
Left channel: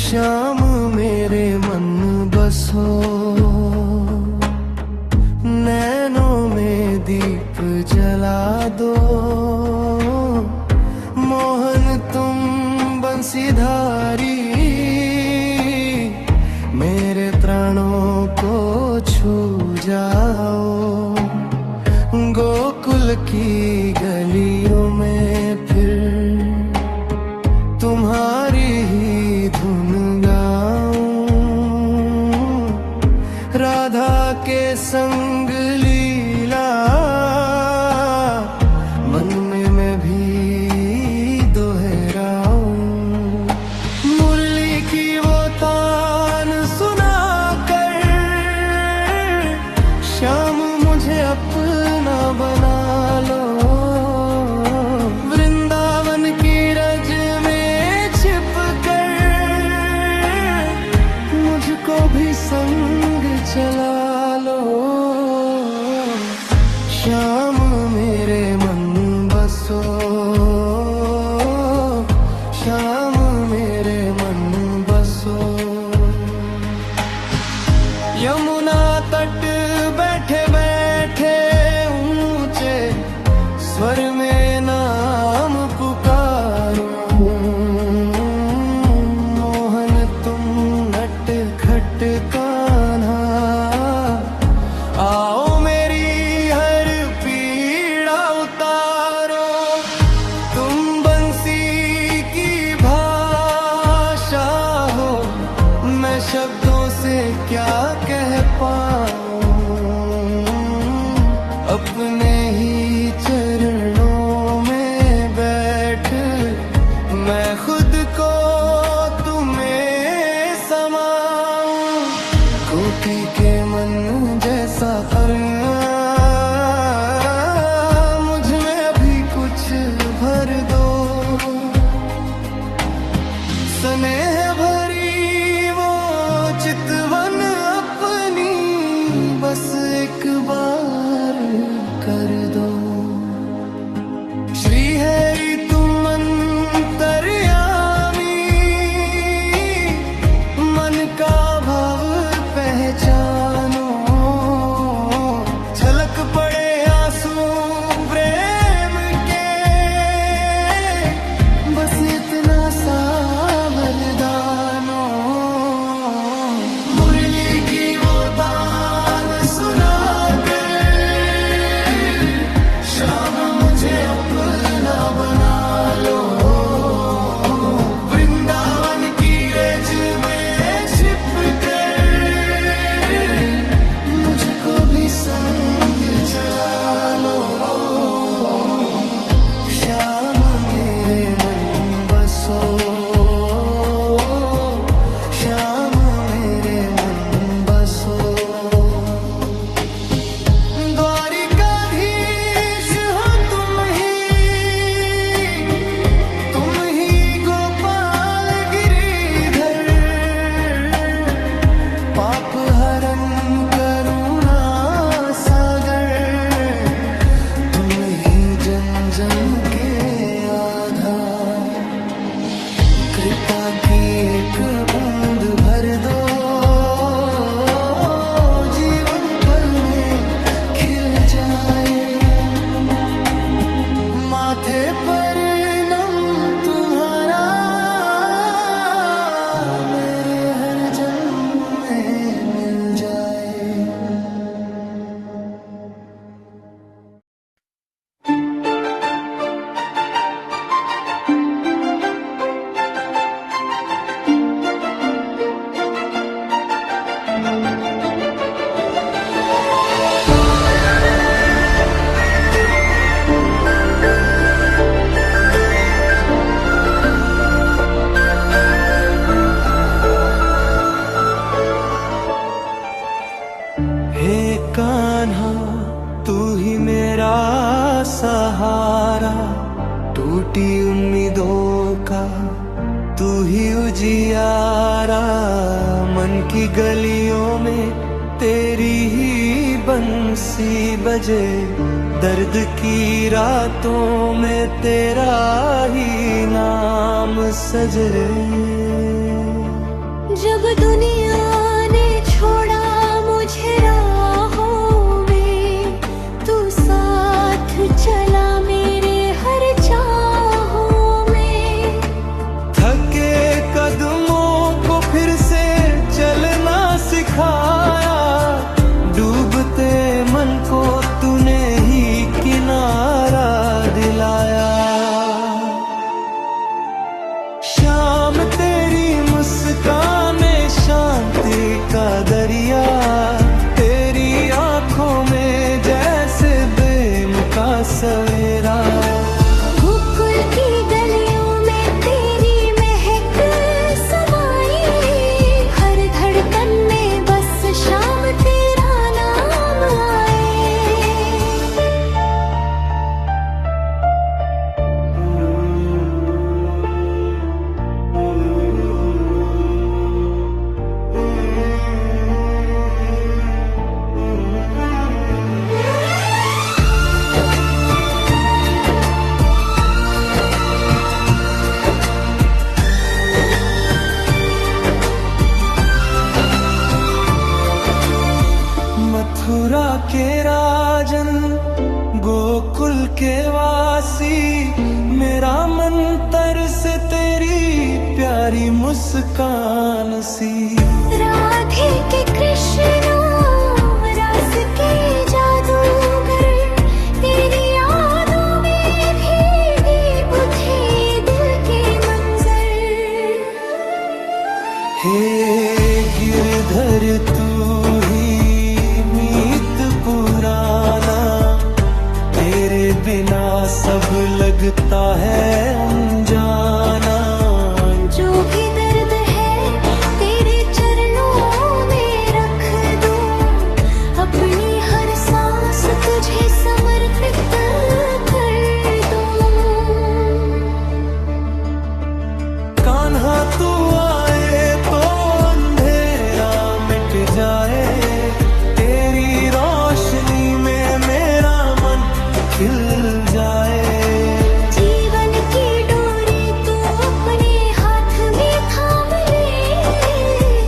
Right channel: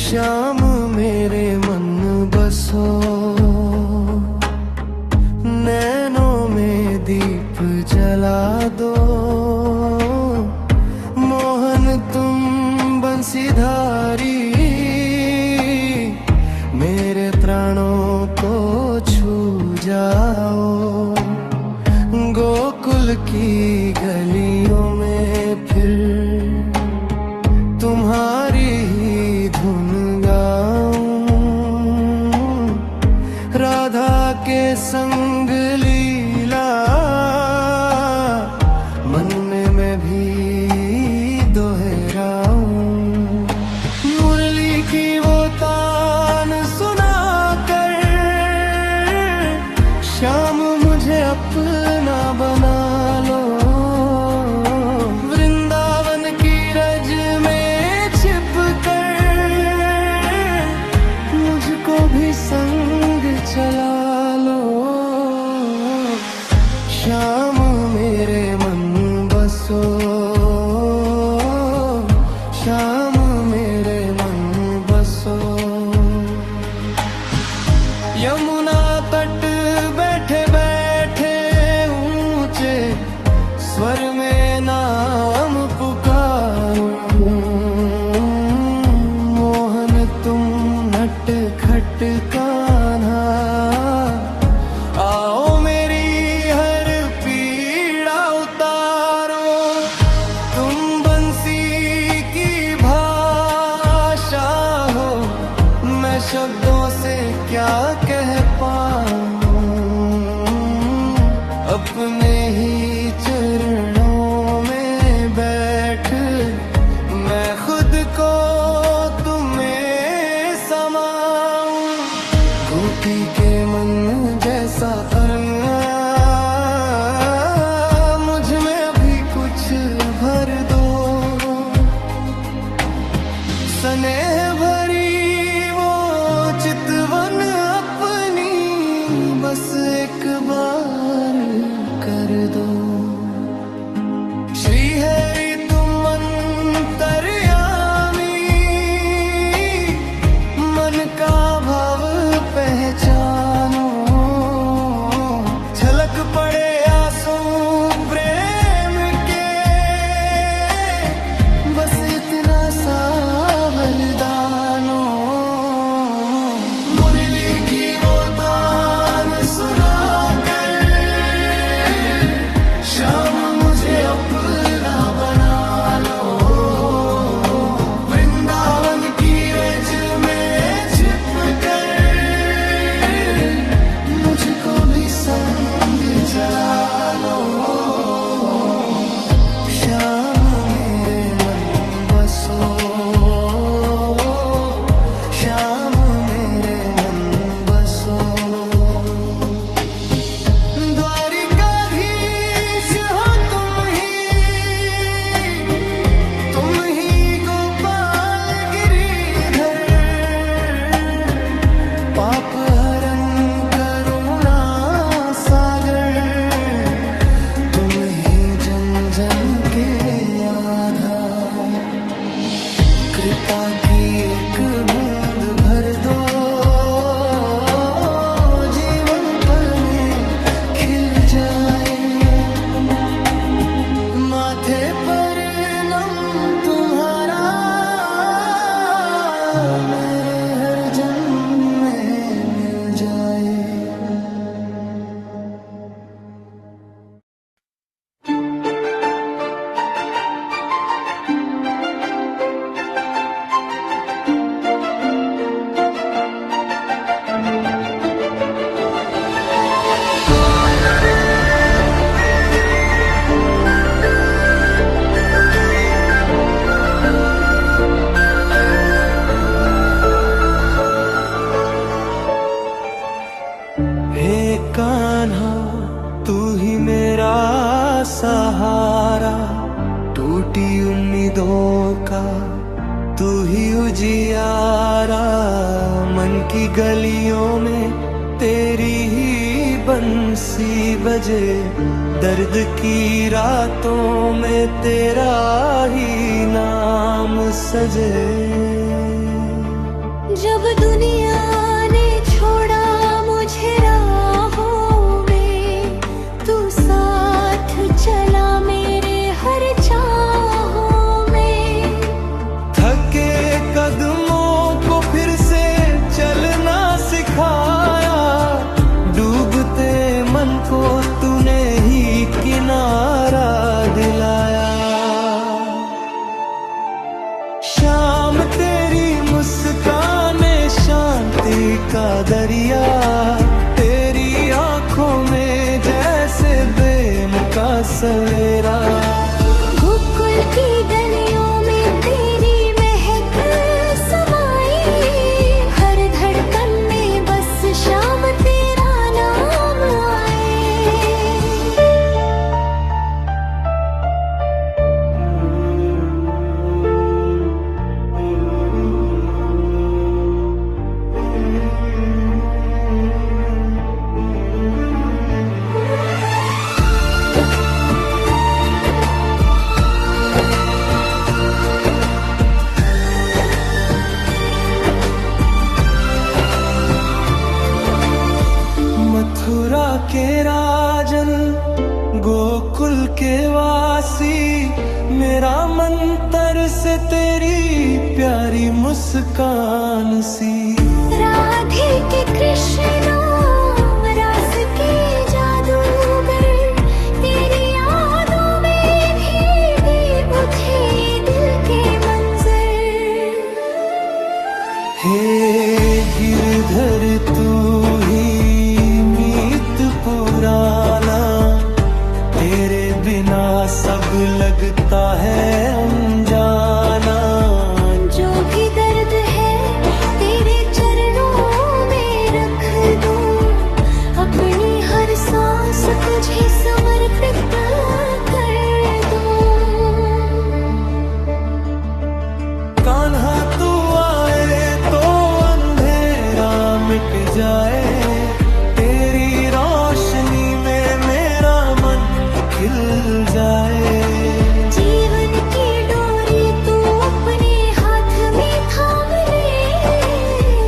शाम मेरे मन बसो, नैनों में दीप जला दो। मोहन तुम बंसीधारी मेरे प्राणों को छू जाओ। गोकुल की गलियों में फिर तुम्हारी ही धुन गाऊं। राधा के संग लीला मन में मैं भी दोहराऊं। मुरली की वो तान सुना कर श्याम मुझे अपना बना लो। वृंदावन की रज में छिप कर मुझको भी संग चला लो। श्याम मेरे मन बसो, श्याम मेरे मन बसो। यमुना तट बैठे बैठे ऊंचे स्वर में नाम पुकारूं। मोहन तुम नट खट कान्हा, आओ मेरी हर पीड़ा उतारो। तुम बंसी की भाषा हो, मैं शब्दों से क्या कह पाऊं। अपने ही चरणों में बैठ मैं खुद को तुम्हें समाऊं। गोपी के मन जैसा करना मुझ में अभी कुछ भर दो। स्नेह भरी वो चितवन अपनी बस एक बार कर दो। श्री हरि तुम अंतर्यामी, मन का भाव पहचानो। छलक पड़े आंसू प्रेम के, बस इतना सा वरदानो। मुरली की वो तान सुना कर श्याम मुझे अपना बना लो। वृंदावन की रज में छिप कर मुझको भी संग चला लो। श्याम मेरे मन बसो, शाम मेरे मन बसो। द्वारिकाधीश हो तुम ही गोपाल गिरिधर। पाप हरन करुणा सागर, तुम ही जन जन के आधार। कृपा की एक बूंद भर दो, जीवन पल में खिल जाए। माथे पर नम तुम्हारा, मेरे हर जन्म में मिल जाए। कान्हा तू ही मेरा सहारा, टूटी उम्मीदों का तू ही उजियारा। मन की गलियों में तेरी ही बंसी बजे, दर्द की रातों में तेरा ही नाम सजे। जब दुनिया ने छोड़ा मुझे राहों में, तू साथ चला मेरे हर चाहों में। थके कदमों को फिर से चलना सिखाया, डूबते मन को तूने ही किनारा दिलाया। शाम तेरी मुस्कान शांति का दरिया, तेरी आंखों में जैसे बेम का सवेरा। गोकुल की गलियों में तेरी महक समाई, हर धड़कन में बस शाम तेरा नाम आए। मथुरा के राजन, गोकुल के वासी, मेरा मन तरसे तेरी प्यारी मुस्कान सी। राधे के कृष्ण रास के जादूगर, तेरी यादों में भीगे उठे दिल के मंजर। हे गिरधर तू ही मीत पुराना, तेरे बिना सब लगता है अनजाना। जो भी दर्द है तेरे चरणों में रख दूं, अपनी हर सांस तुझे समर्पित कर दूं। कान्हा तू आए तो अंधेरा मिट जाए, तेरी रोशनी में मेरा मन खिल जाए। जीवन की डोरी तू अपने हाथ में थाम ले,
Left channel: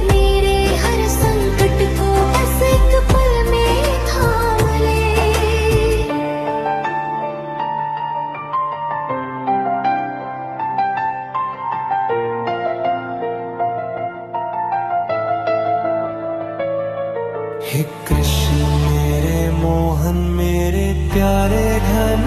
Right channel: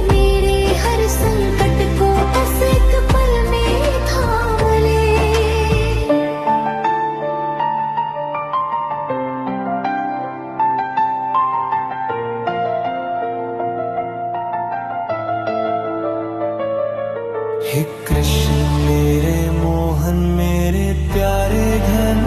मेरे हर संकट को बस एक पल में थाम ले। हे कृष्ण मेरे मोहन मेरे प्यारे घन